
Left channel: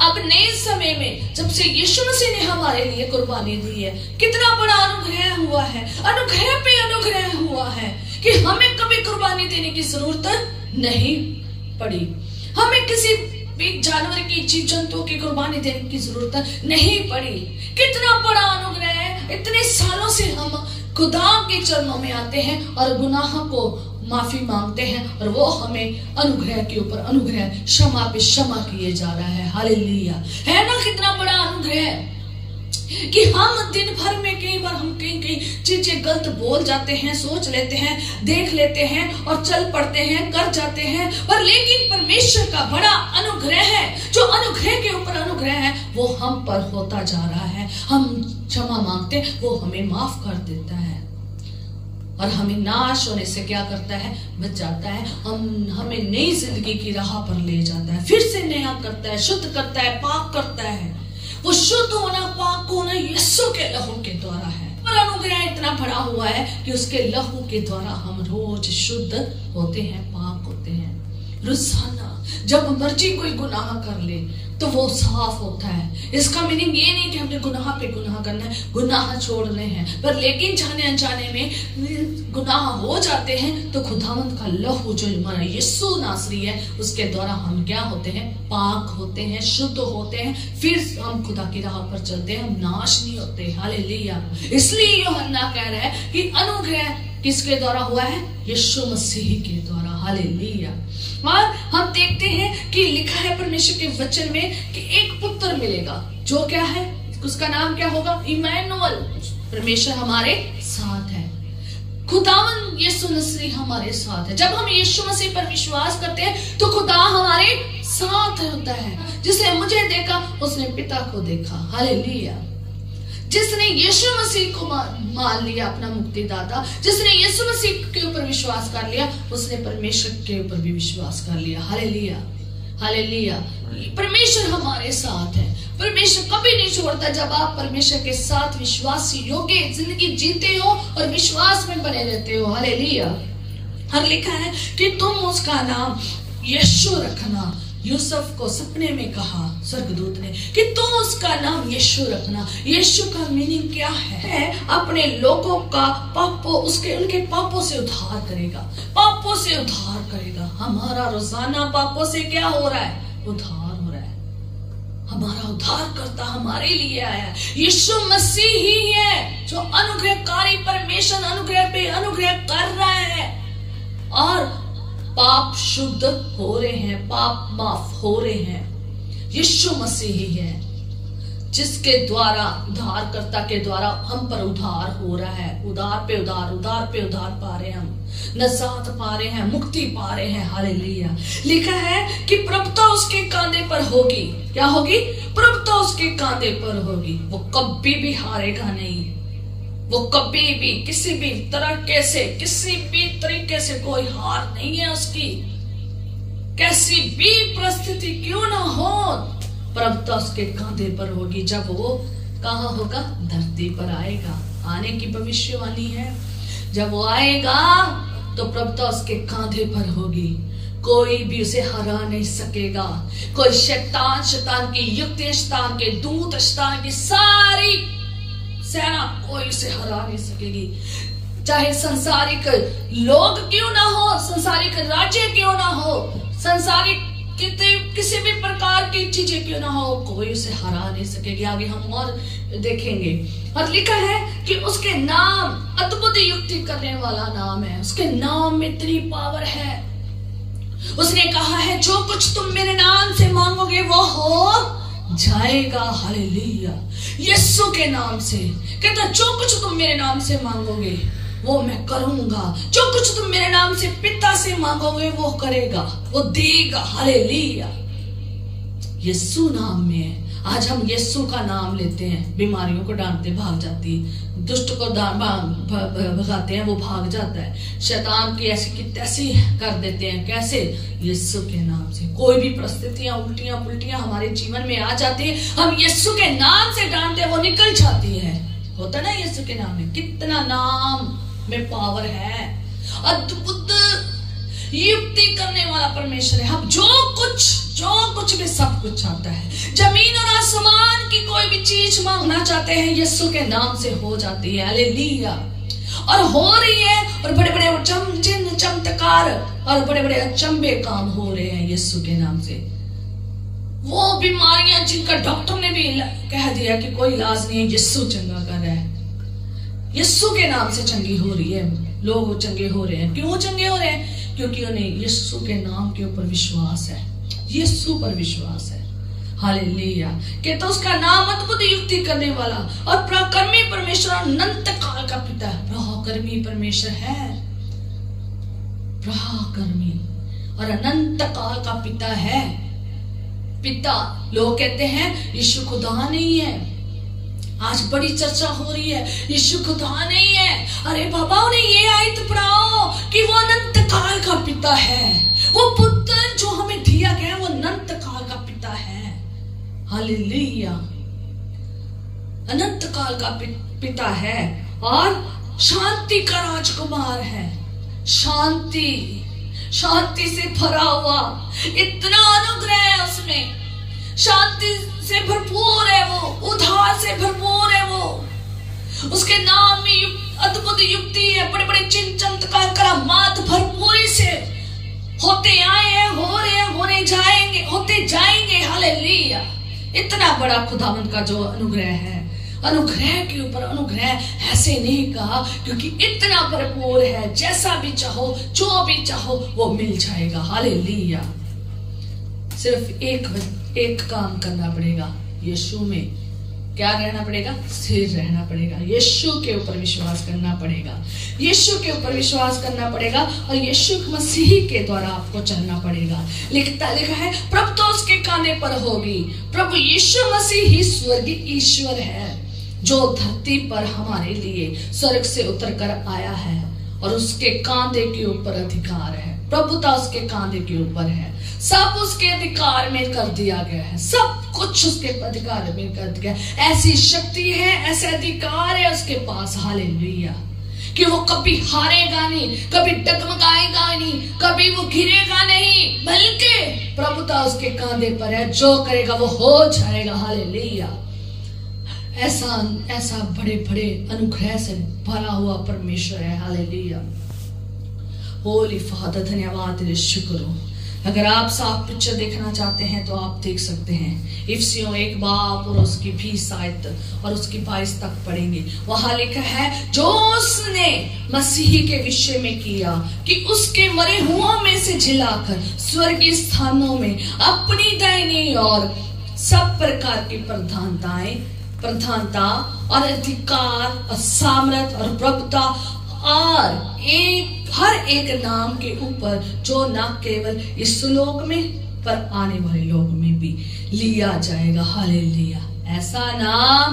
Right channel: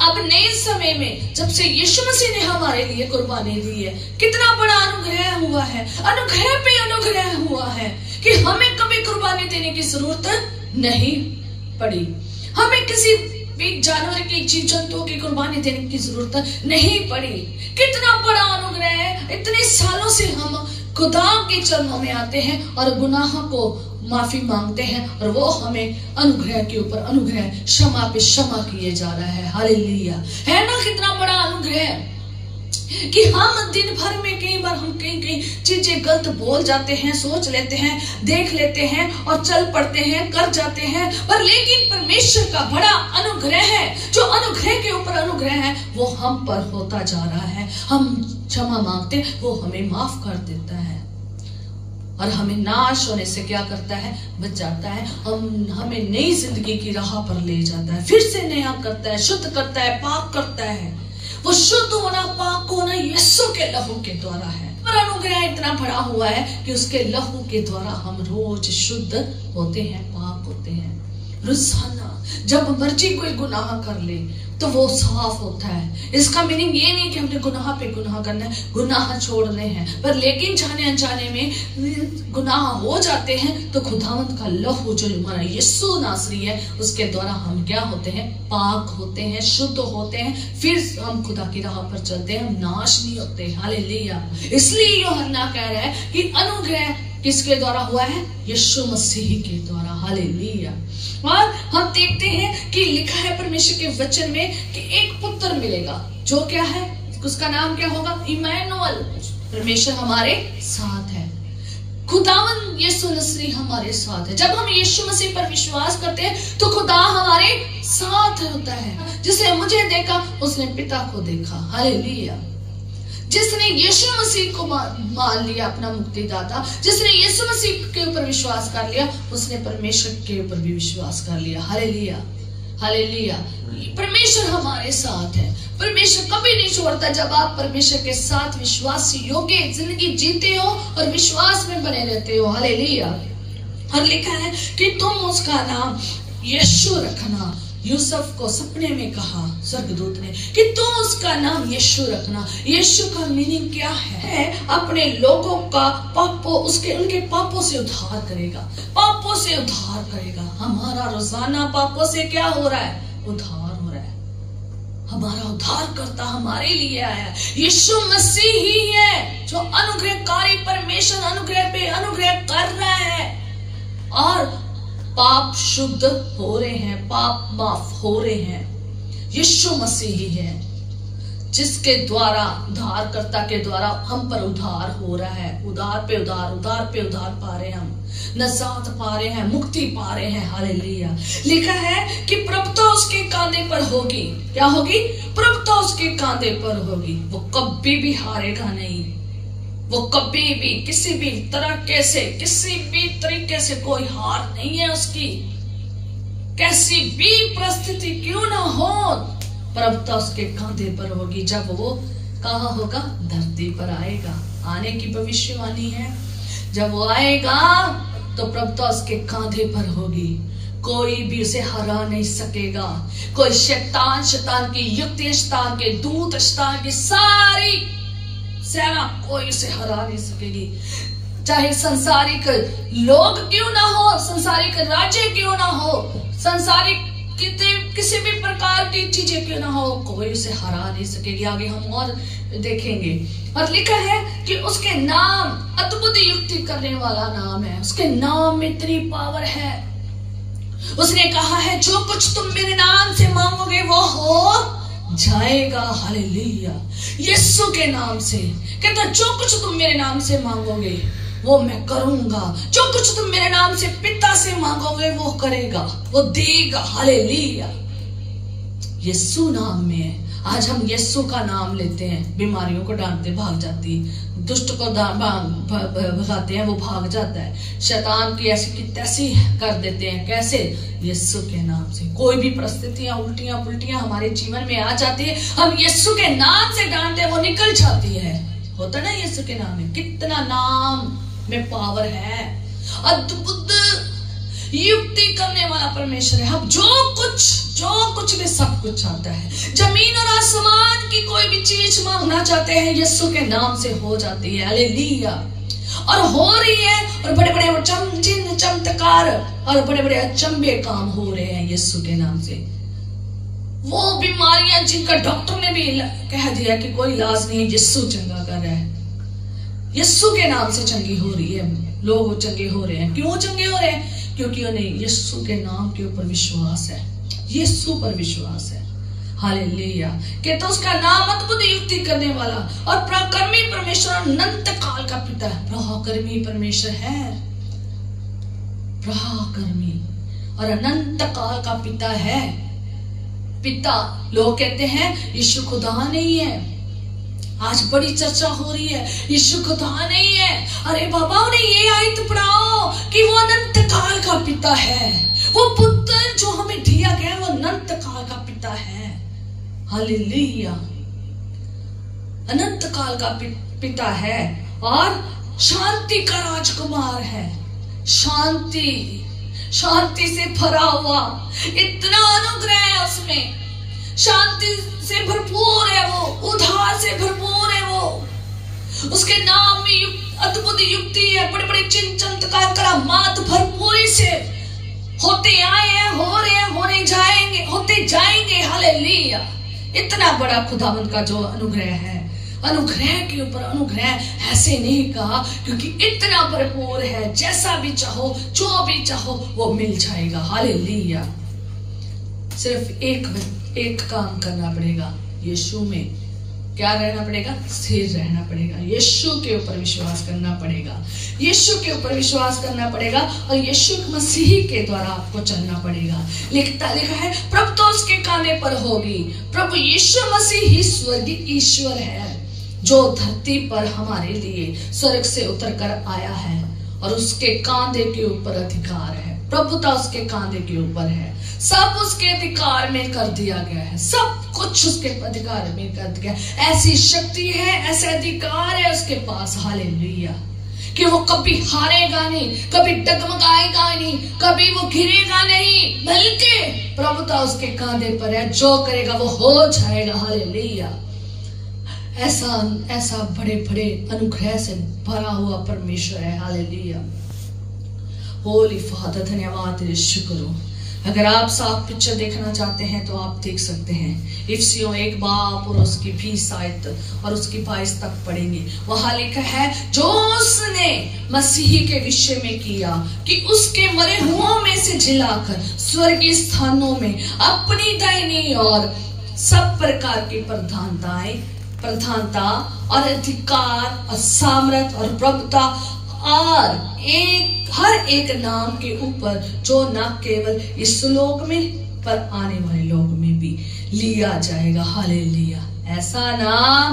अब नए समय में जब से यीशु मसीह ने हमारे लिए कुर्बानी दी है, कितना बड़ा अनुग्रह हुआ है। अनुग्रह पे अनुग्रह हुआ है कि हमें कभी कुर्बानी देने की जरूरत नहीं पड़ी, हमें किसी भी जानवर की, जीव जंतुओं की कुर्बानी देने की जरूरत नहीं पड़ी। कितना बड़ा अनुग्रह है। इतने सालों से हम खुदा के चरणों में आते हैं और गुनाह को माफी मांगते हैं, और वो हमें अनुग्रह के ऊपर अनुग्रह, क्षमा पे क्षमा किए जा रहा है। हालेलुया। है ना कितना बड़ा अनुग्रह कि हम दिन भर में कई बार हम कहीं चीजें गलत बोल जाते हैं, सोच लेते हैं, देख लेते हैं और चल पड़ते हैं, कर जाते हैं, पर लेकिन परमेश्वर का बड़ा अनुग्रह है, जो अनुग्रह के ऊपर अनुग्रह है वो हम पर होता जा रहा है। हम क्षमा मांगते, वो हमें माफ कर देता है और हमें नाश होने से क्या करता है? बचाता है। हमें नई जिंदगी की राह पर ले जाता है, फिर से नया करता है, शुद्ध करता है, पाक करता है। वो शुद्ध होना, पाक होना यीशु के लहू के द्वारा है। और अनुग्रह इतना बड़ा हुआ है कि उसके लहू के द्वारा हम रोज शुद्ध होते हैं, पाक होते हैं। रोजाना जब मर्जी कोई गुनाह कर ले तो वो साफ होता है। इसका मीनिंग ये नहीं कि हमने गुनाह पे गुनाह करना है, गुनाह छोड़ने हैं, पर लेकिन जाने अनजाने में गुनाह हो जाते हैं तो खुदावंद का लहू जो हमारा यीशु नासरी है उसके द्वारा हम क्या होते हैं? पाक होते हैं, शुद्ध होते हैं, फिर हम खुदा की राह पर चलते हैं, हम नाश नहीं होते। हालेलुया। इसलिए यूहन्ना कह रहा है कि अनुग्रह किसके द्वारा हुआ है? यीशु मसीह के द्वारा। हालेलुया। और हम देखते हैं कि लिखा है परमेश्वर के वचन में कि एक पुत्र मिलेगा, जो क्या है, उसका नाम क्या होगा, इमैनुअल, परमेश्वर हमारे साथ है। खुदावन यीशु मसीह हमारे साथ है। जब हम यीशु मसीह पर विश्वास करते हैं तो खुदा हमारे साथ होता है। जिसने मुझे देखा उसने पिता को देखा। हालेलुया। जिसने यीशु मसीह को मान लिया अपना मुक्तिदाता, जिसने यीशु मसीह के ऊपर विश्वास कर लिया, उसने परमेश्वर के ऊपर भी विश्वास कर लिया। Hallelujah, hallelujah. परमेश्वर हमारे साथ है। परमेश्वर कभी नहीं छोड़ता। जब आप परमेश्वर के साथ विश्वास योग्य जिंदगी जीते हो और विश्वास में बने रहते हो। हालेलुया। और लिखा है कि तुम उसका नाम यीशु रखना। यूसुफ को सपने में कहा स्वर्गदूत ने कि तुम उसका नाम यीशु रखना। यीशु का मीनिंग क्या है? अपने लोगों का पापों, उनके पापों से उद्धार करेगा, पापों से उद्धार करेगा। हमारा रोजाना पापों से क्या हो रहा है? उद्धार हो रहा है। हमारा उद्धार करता हमारे लिए आया है। यीशु मसीह ही है जो अनुग्रहकारी परमेश्वर अनुग्रह पे अनुग्रह कर रहा है और पाप शुद्ध हो रहे हैं, पाप माफ हो रहे हैं। यीशु मसीह ही है जिसके द्वारा, उद्धारकर्ता के द्वारा हम पर उद्धार हो रहा है। उद्धार पे उद्धार, उद्धार पे उद्धार पा रहे हैं, हम नजात पा रहे हैं, मुक्ति पा रहे हैं। हालेलुया। लिखा है कि प्रभुता उसके कांधे पर होगी। क्या होगी? प्रभुता उसके कांधे पर होगी। वो कभी भी हारेगा नहीं। वो कभी भी किसी भी तरह से, किसी भी तरीके से कोई हार नहीं है उसकी। कैसी भी परिस्थिति क्यों ना हो, प्रभुता उसके कांधे पर होगी। जब वो कहाँ होगा? धरती पर आएगा। आने की भविष्यवाणी है। जब वो आएगा तो प्रभुता उसके कांधे पर होगी। कोई भी उसे हरा नहीं सकेगा। कोई शैतान की युक्ति, शैतान के दूत, शैतान की सारी सेना कोई उसे हरा नहीं सकेगी। चाहे संसारिक लोग क्यों ना हो, संसारिक राज्य क्यों ना हो, संसारिक किसी भी प्रकार की चीजें क्यों ना हो, कोई उसे हरा नहीं सकेगी। आगे हम और देखेंगे। और लिखा है कि उसके नाम अद्भुत युक्ति करने वाला नाम है। उसके नाम में इतनी पावर है। उसने कहा है जो कुछ तुम मेरे नाम से मांगोगे वो हो जाएगा। हालेलुया। यीशु के नाम से कहता जो कुछ तुम मेरे नाम से मांगोगे वो मैं करूंगा। जो कुछ तुम मेरे नाम से पिता से मांगोगे वो करेगा, वो देगा। हालेलुया। यीशु नाम में है। आज हम यीशु का नाम लेते हैं, बीमारियों को डांटते भाग जाती है, दुष्ट को भगाते हैं वो भाग जाता है, शैतान की ऐसी की तैसी कर देते हैं। कैसे? यीशु के नाम से। कोई भी परिस्थितियां उल्टियां पुल्टियां हमारे जीवन में आ जाती है, हम यीशु के नाम से डांटते हैं, वो निकल जाती है। होता ना यीशु के नाम में कितना नाम में पावर है। अद्भुत युक्ति करने वाला परमेश्वर है। हम जो कुछ भी सब कुछ चाहता है। जमीन और आसमान की कोई भी चीज मांगना चाहते हैं यीशु के नाम से हो जाती है। हालेलुया। और हो रही है। और बड़े बड़े चिन्ह चमत्कार और बड़े बड़े अचंभे काम हो रहे हैं यीशु के नाम से। वो बीमारियां जिनका डॉक्टर ने भी कह दिया कि कोई इलाज नहीं है, यीशु चंगा कर रहा है। यीशु के नाम से चंगी हो रही है। लोग चंगे हो रहे हैं। क्यों चंगे हो रहे हैं? क्योंकि उन्हें यीशु के नाम के ऊपर विश्वास है, यीशु पर विश्वास है। हालेलुया। कहता उसका नाम अद्भुत युक्ति करने वाला और पराक्रमी परमेश्वर, अनंत काल का पिता है। पराक्रमी परमेश्वर है, पराक्रमी और अनंत काल का पिता है। पिता, लोग कहते हैं यीशु खुदा नहीं है। आज बड़ी चर्चा हो रही है यीशु खुदा नहीं है। अरे बाबा उन्हें ये आयत पढ़ाओ कि वो अनंत काल का पिता है। वो पुत्र जो हमें दिया गया वो अनंत काल का पिता है। हालेलुया। अनंत काल का पिता है और शांति का राजकुमार है। शांति से भरा हुआ, इतना अनुग्रह है उसमें, शांति से भरपूर है वो, उद्धार से भरपूर है वो। उसके नाम में अद्भुत युक्ति है, बड़े बड़े चिन्ह चमत्कार करामात भरपूरी से होते आए हैं, हो रहे हैं, होने जाएंगे, होते जाएंगे। हालेलुया। इतना बड़ा खुदावंद का जो अनुग्रह है अनुग्रह के ऊपर अनुग्रह ऐसे नहीं कहा क्योंकि इतना भरपूर है, जैसा भी चाहो जो भी चाहो वो मिल जाएगा। हालेलुया। सिर्फ एक काम करना पड़ेगा, यीशु में क्या रहना पड़ेगा? स्थिर रहना पड़ेगा। यीशु के ऊपर विश्वास करना पड़ेगा, यीशु के ऊपर विश्वास करना पड़ेगा और यीशु मसीह के द्वारा आपको चलना पड़ेगा। लिखा है प्रभु तो उसके कांधे पर होगी। प्रभु यीशु मसीह ही स्वर्गीय ईश्वर है जो धरती पर हमारे लिए स्वर्ग से उतर कर आया है और उसके कांधे के ऊपर अधिकार है। प्रभुता उसके कांधे के ऊपर है, सब उसके अधिकार में कर दिया गया है, सब कुछ उसके अधिकार में कर दिया। ऐसी शक्ति है, ऐसा अधिकार है उसके पास। हालेलुया। कि वो कभी हारेगा नहीं, कभी डगमगाएगा नहीं, कभी वो गिरेगा नहीं, बल्कि प्रभुता उसके कांधे पर है, जो करेगा वो हो जाएगा। हालेलुया। ऐसा बड़े बड़े अनुग्रह से भरा हुआ परमेश्वर है। हालेलुया। होली फादर, धन्यवाद तेरे, शुक्र हो। अगर आप साफ पिक्चर देखना चाहते हैं तो आप देख सकते हैं। इफिसियों 1 और उसकी 20 आयत और उसकी 22 तक पढ़ेंगे। वहां लिखा है जो उसने मसीह के विषय में किया कि उसके मरे हुओं में से जिलाकर स्वर्गीय स्थानों में अपनी दाहिनी और सब प्रकार की प्रधानता और अधिकार और सामर्थ और प्रभुता और हर एक नाम के ऊपर जो न केवल इस लोक में पर आने वाले लोक में भी लिया जाएगा। हालेलुया। ऐसा नाम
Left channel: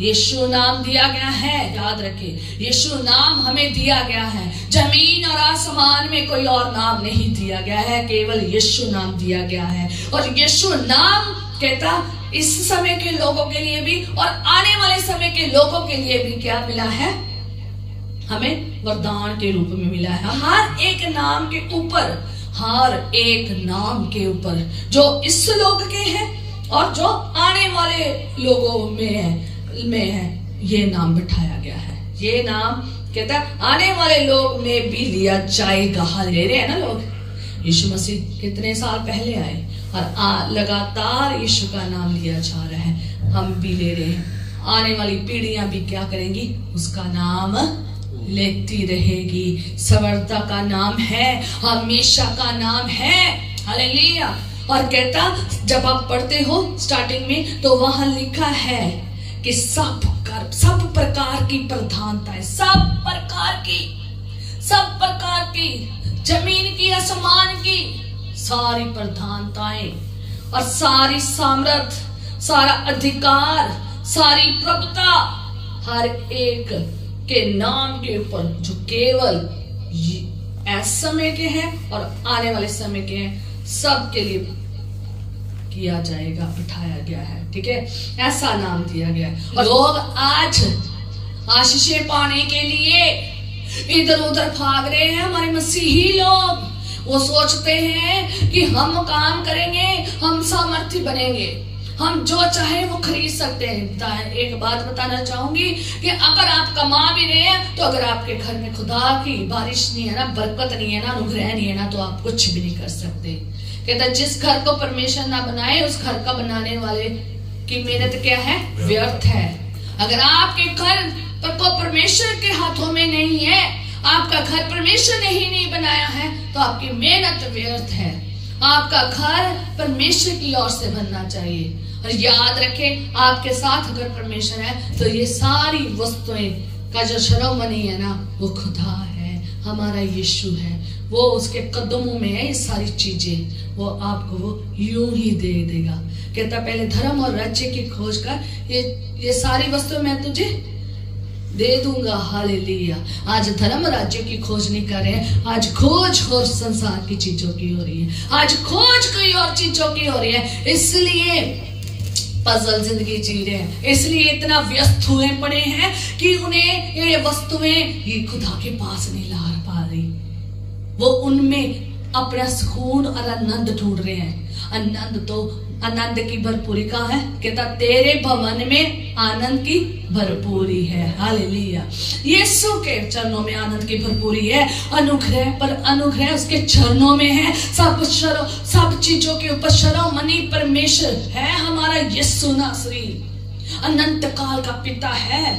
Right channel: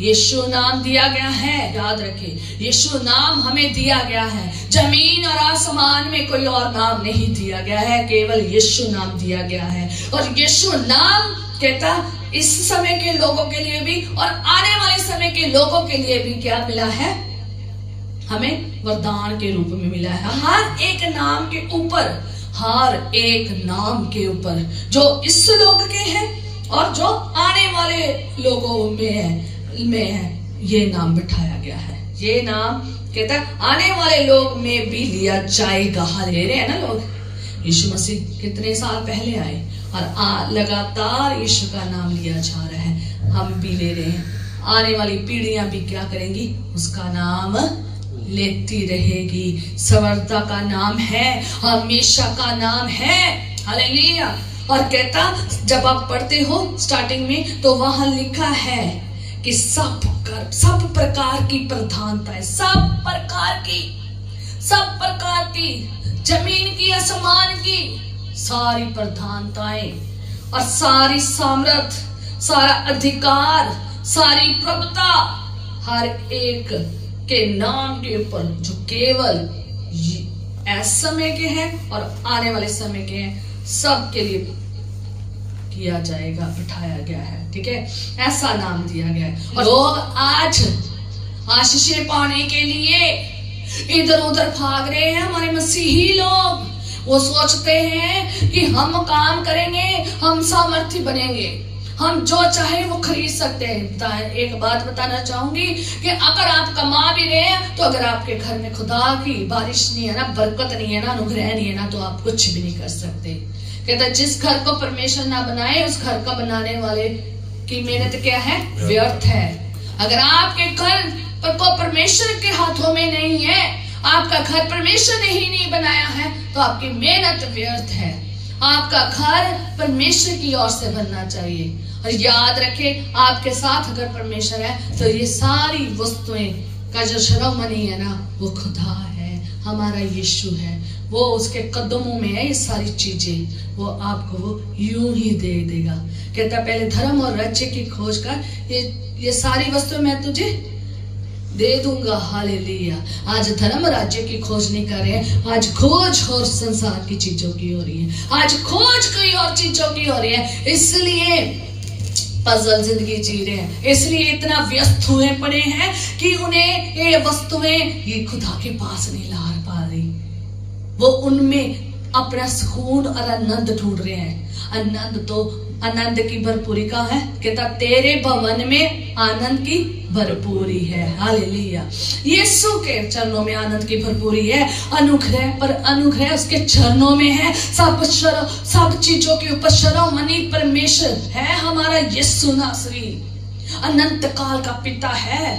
यीशु नाम दिया गया है। याद रखें, यीशु नाम हमें दिया गया है। जमीन और आसमान में कोई और नाम नहीं दिया गया है, केवल यीशु नाम दिया गया है। और यीशु नाम कहता इस समय के लोगों के लिए भी और आने वाले समय के लोगों के लिए भी क्या मिला है? हमें वरदान के रूप में मिला है। हर एक नाम के ऊपर, हर एक नाम के ऊपर जो इस लोक के हैं और जो आने वाले लोगों में है, ये नाम बिठाया गया है। ये नाम कहता है आने वाले लोग में भी लिया जाएगा। हालेलुया। है ना लोग, यीशु मसीह कितने साल पहले आए और लगातार यीशु का नाम लिया जा रहा है। हम भी ले रहे हैं, आने वाली पीढ़ियां भी क्या करेंगी? उसका नाम लेती रहेगी। सवर्ता का नाम है, हमेशा का नाम है। हालेलुया। और कहता जब आप पढ़ते हो स्टार्टिंग में तो वहां लिखा है कि सब प्रकार की प्रधानताएं, सब प्रकार की जमीन की आसमान की सारी प्रधानताएं और सारी सामर्थ, सारा अधिकार, सारी प्रभुता हर एक के नाम के ऊपर जो केवल इस समय के हैं और आने वाले समय के हैं, सब के लिए किया जाएगा, बिठाया गया है। ठीक है, ऐसा नाम दिया गया है। और लोग आज आशीषें पाने के लिए इधर उधर भाग रहे हैं। हमारे मसीही लोग वो सोचते हैं कि हम काम करेंगे, हम सामर्थ्य बनेंगे, हम जो चाहे वो खरीद सकते हैं। एक बात बताना चाहूंगी कि अगर आप कमा भी रहे हैं तो अगर आपके घर में खुदा की बारिश नहीं है ना, बरकत नहीं है ना, अनुग्रह नहीं है ना, तो आप कुछ भी नहीं कर सकते। कहता जिस घर को परमेश्वर ना बनाए उस घर का बनाने वाले की मेहनत क्या है? व्यर्थ है। अगर आपके घर को परमेश्वर के हाथों में नहीं है, आपका घर परमेश्वर ने ही नहीं बनाया है, तो आपकी मेहनत व्यर्थ है। आपका घर परमेश्वर की ओर से बनना चाहिए। और याद रखें, आपके साथ अगर परमेश्वर है तो ये सारी वस्तुएं का जो शिरोमणि है ना, वो खुदा है, हमारा यीशु है, वो उसके कदमों में है। ये सारी चीजें वो आपको वो यूं ही दे देगा। कहता पहले धर्म और राज्य की खोज कर, ये सारी वस्तुएं मैं तुझे दे दूंगा। हालेलुया। आज धर्म राज्य की खोज नहीं कर रहे हैं, आज खोज और संसार की चीजों की हो रही है, आज खोज कोई और चीजों की हो रही है। इसलिए पजल जिंदगी जी रहे हैं, इसलिए इतना व्यस्त हुए पड़े हैं कि उन्हें ये वस्तुएं ये खुदा के पास नहीं ला पा रही। वो उनमें अपना सुकून और आनंद ढूंढ रहे हैं। आनंद की भरपूरी कहाँ है? कहता तेरे भवन में आनंद की भरपूरी है। हालेलुया। यीशु के चरणों में आनंद की भरपूरी है। अनुग्रह पर अनुग्रह उसके चरणों में है। सब चीजों के ऊपर शिरोमणि परमेश्वर है हमारा यीशु नासरी। अनंत काल का पिता है,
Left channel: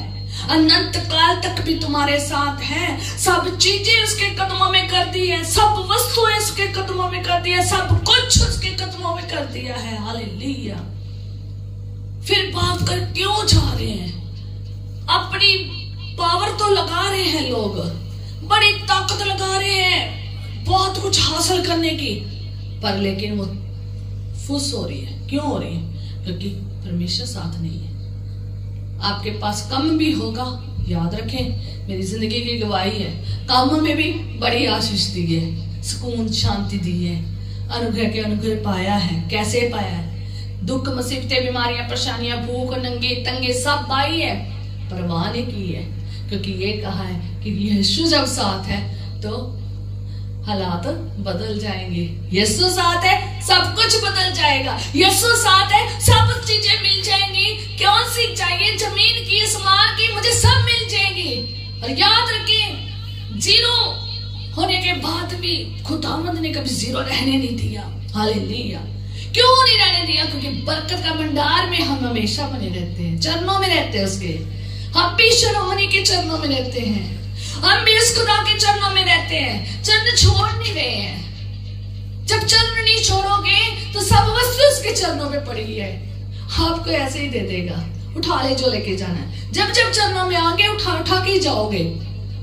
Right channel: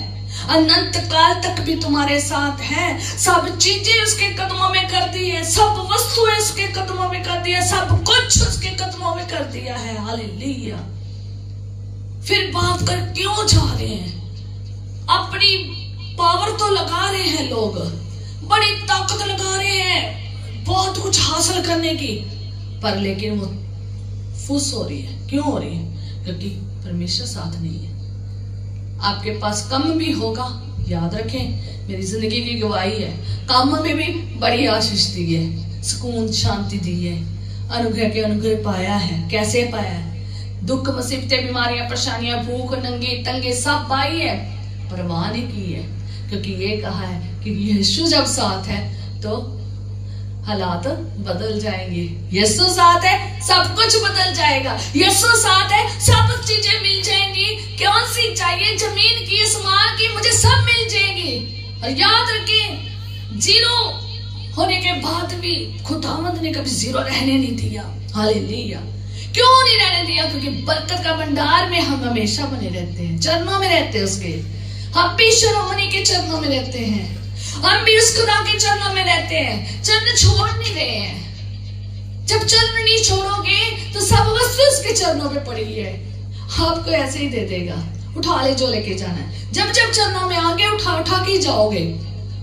अनंत काल तक भी तुम्हारे साथ है। सब चीजें उसके कदमों में कर दी है, सब वस्तुएं उसके कदमों में कर दी है, सब कुछ उसके कदमों में कर दिया है। हालेलुया। फिर भाग कर क्यों जा रहे हैं? अपनी पावर तो लगा रहे हैं लोग, बड़ी ताकत लगा रहे हैं बहुत कुछ हासिल करने की, पर लेकिन वो फुस हो रही है। क्यों हो रही है? क्योंकि परमेश्वर साथ नहीं है। आपके पास कम भी होगा, याद रखें मेरी जिंदगी की गवाही है, काम में भी बड़ी आशीष दी है, सुकून शांति दी है, अनुग्रह के अनुग्रह पाया है। कैसे पाया है? दुख मुसीबतें बीमारियां परेशानियां भूख नंगे तंगे सब पाई है, परवाह नहीं की है, क्योंकि ये कहा है कि यीशु जब साथ है तो हालात बदल जाएंगे। यीशु साथ है सब कुछ बदल जाएगा, यीशु साथ है सब चीजें मिल जाएंगी। कौन सी चाहिए? जमीन की, आसमान की, मुझे सब मिल जाएंगी। और याद रखें, जीरो होने के बाद भी खुदावंद ने कभी जीरो रहने नहीं दिया। हालेलुया। क्यों नहीं रहने दिया? क्योंकि बरकत का भंडार में हम हमेशा बने रहते हैं, चरणों में रहते हैं उसके। हम भी शिरोमणि के चरणों में रहते हैं, हम भी उस खुदा के चरणों में रहते हैं, चरण छोड़ नहीं रहे हैं। जब चरण नहीं छोड़ोगे तो सब वस्तु उसके चरणों में पड़ी है, आपको ऐसे ही दे देगा। उठा ले जो लेके जाना है, जब जब चरणों में आगे उठा उठा के ही जाओगे,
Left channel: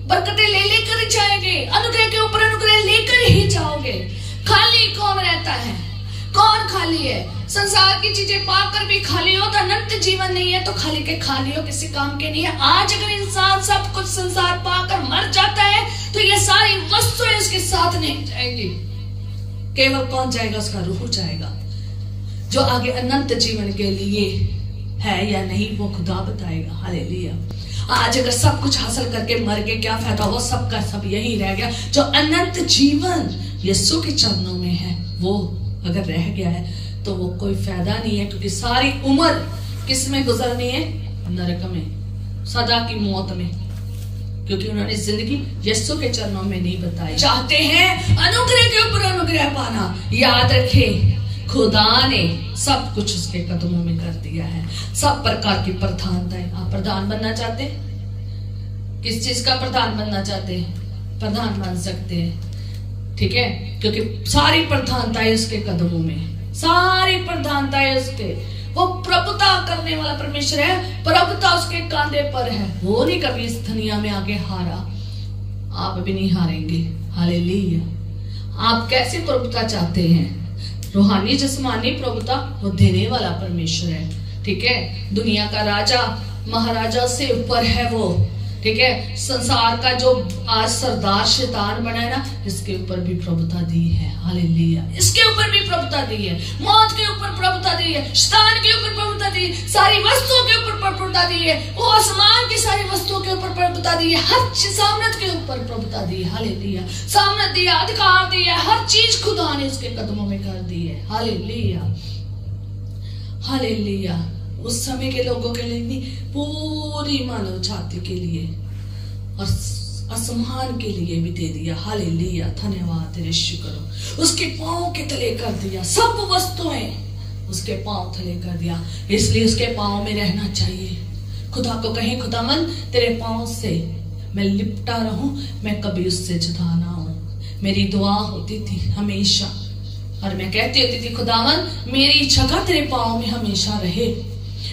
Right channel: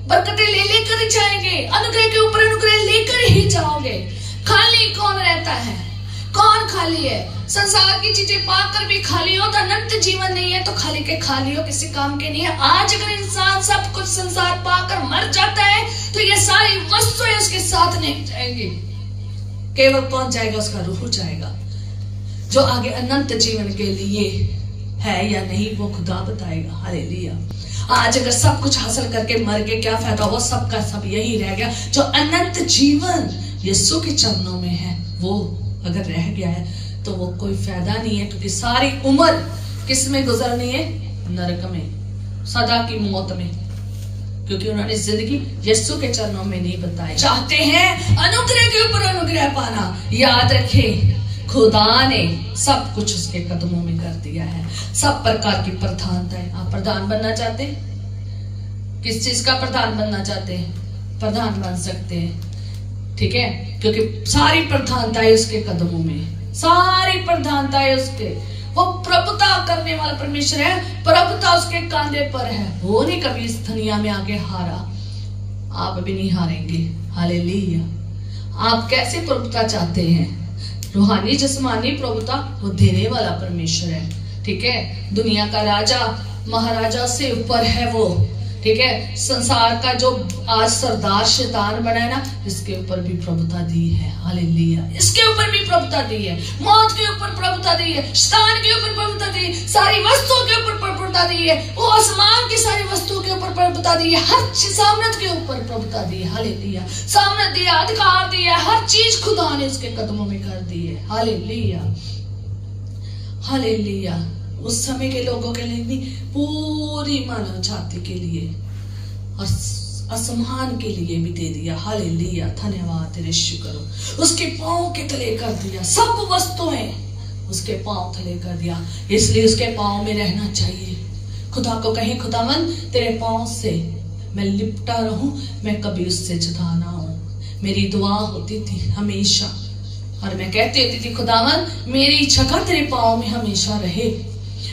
बरकतें ले लेकर ही जाएंगे, अनुग्रह के ऊपर अनुग्रह लेकर ही जाओगे। खाली कौन रहता है? कौन खाली है? संसार की चीजें पाकर भी खाली हो तो अनंत जीवन नहीं है, तो खाली के खाली हो, किसी काम के नहीं है। आज अगर इंसान सब कुछ संसार पाकर मर जाता है तो ये सारी वस्तुएं उसके साथ नहीं जाएंगी, केवल कौन जाएगा? उसका रूह जाएगा, जो आगे अनंत जीवन के लिए है या नहीं वो खुदा बताएगा। हालेलुया। आज अगर सब कुछ हासिल करके मर के क्या फायदा? वो सब का सब यही रह गया। जो अनंत जीवन यीशु के चरणों में है वो अगर रह गया है तो वो कोई फायदा नहीं है, क्योंकि सारी उम्र किस में गुजरनी है? नरक में, सदा की मौत में, क्योंकि उन्होंने जिंदगी यीशु के चरणों में नहीं बताई। चाहते हैं अनुग्रह के ऊपर अनुग्रह पाना, याद रखें खुदा ने सब कुछ उसके कदमों में कर दिया है। सब प्रकार की प्रधानताएं। आप प्रधान बनना चाहते हैं? किस चीज का प्रधान बनना चाहते हैं? प्रधान बन सकते हैं, ठीक है, क्योंकि सारी प्रधानताएं उसके कदमों में, सारी प्रधानताएं उसके। वो प्रभुता करने वाला परमेश्वर है, प्रभुता उसके कांधे पर है। वो नहीं कभी इस दुनिया में आगे हारा, आप भी नहीं हारेंगे। हालेलुया। आप कैसे प्रभुता चाहते हैं? रूहानी जिस्मानी प्रभुता वो देने वाला परमेश्वर है, ठीक है। दुनिया का राजा महाराजा से ऊपर है वो, ठीक है। संसार का जो आज सरदार शैतान बना है ना, इसके ऊपर भी प्रभुता दी है। हालेलुया। इसके ऊपर भी प्रभुता दी है, मौत के ऊपर प्रभुता दी है, शैतान के ऊपर प्रभुता दी, सारी वस्तुओं के ऊपर प्रभुता दी है, वो आसमान की सारी वस्तुओं के ऊपर प्रभुता दी है, हर सामर्थ के ऊपर प्रभुता दी है। हालेलुया। सामर्थ दिया, अधिकार दिया, हर चीज खुदा ने उसके कदमों में कर दी है। हालेलुया। हालेलुया। उस समय के लोगों के लिए नहीं, पूरी मानव जाति के लिए और आसमान के लिए भी दे दिया। हालेलुया। धन्यवाद तेरे, शुक्र। उसके पांव के तले कर दिया, सब वस्तुएं उसके पांव तले कर दिया, इसलिए उसके पांव में रहना चाहिए। खुदा को कहें, खुदावन तेरे पांव से मैं लिपटा रहूं, मैं कभी उससे जुदा ना हूं। मेरी दुआ होती थी हमेशा, और मैं कहती होती थी, खुदावन मेरी जगह तेरे पांव में हमेशा रहे,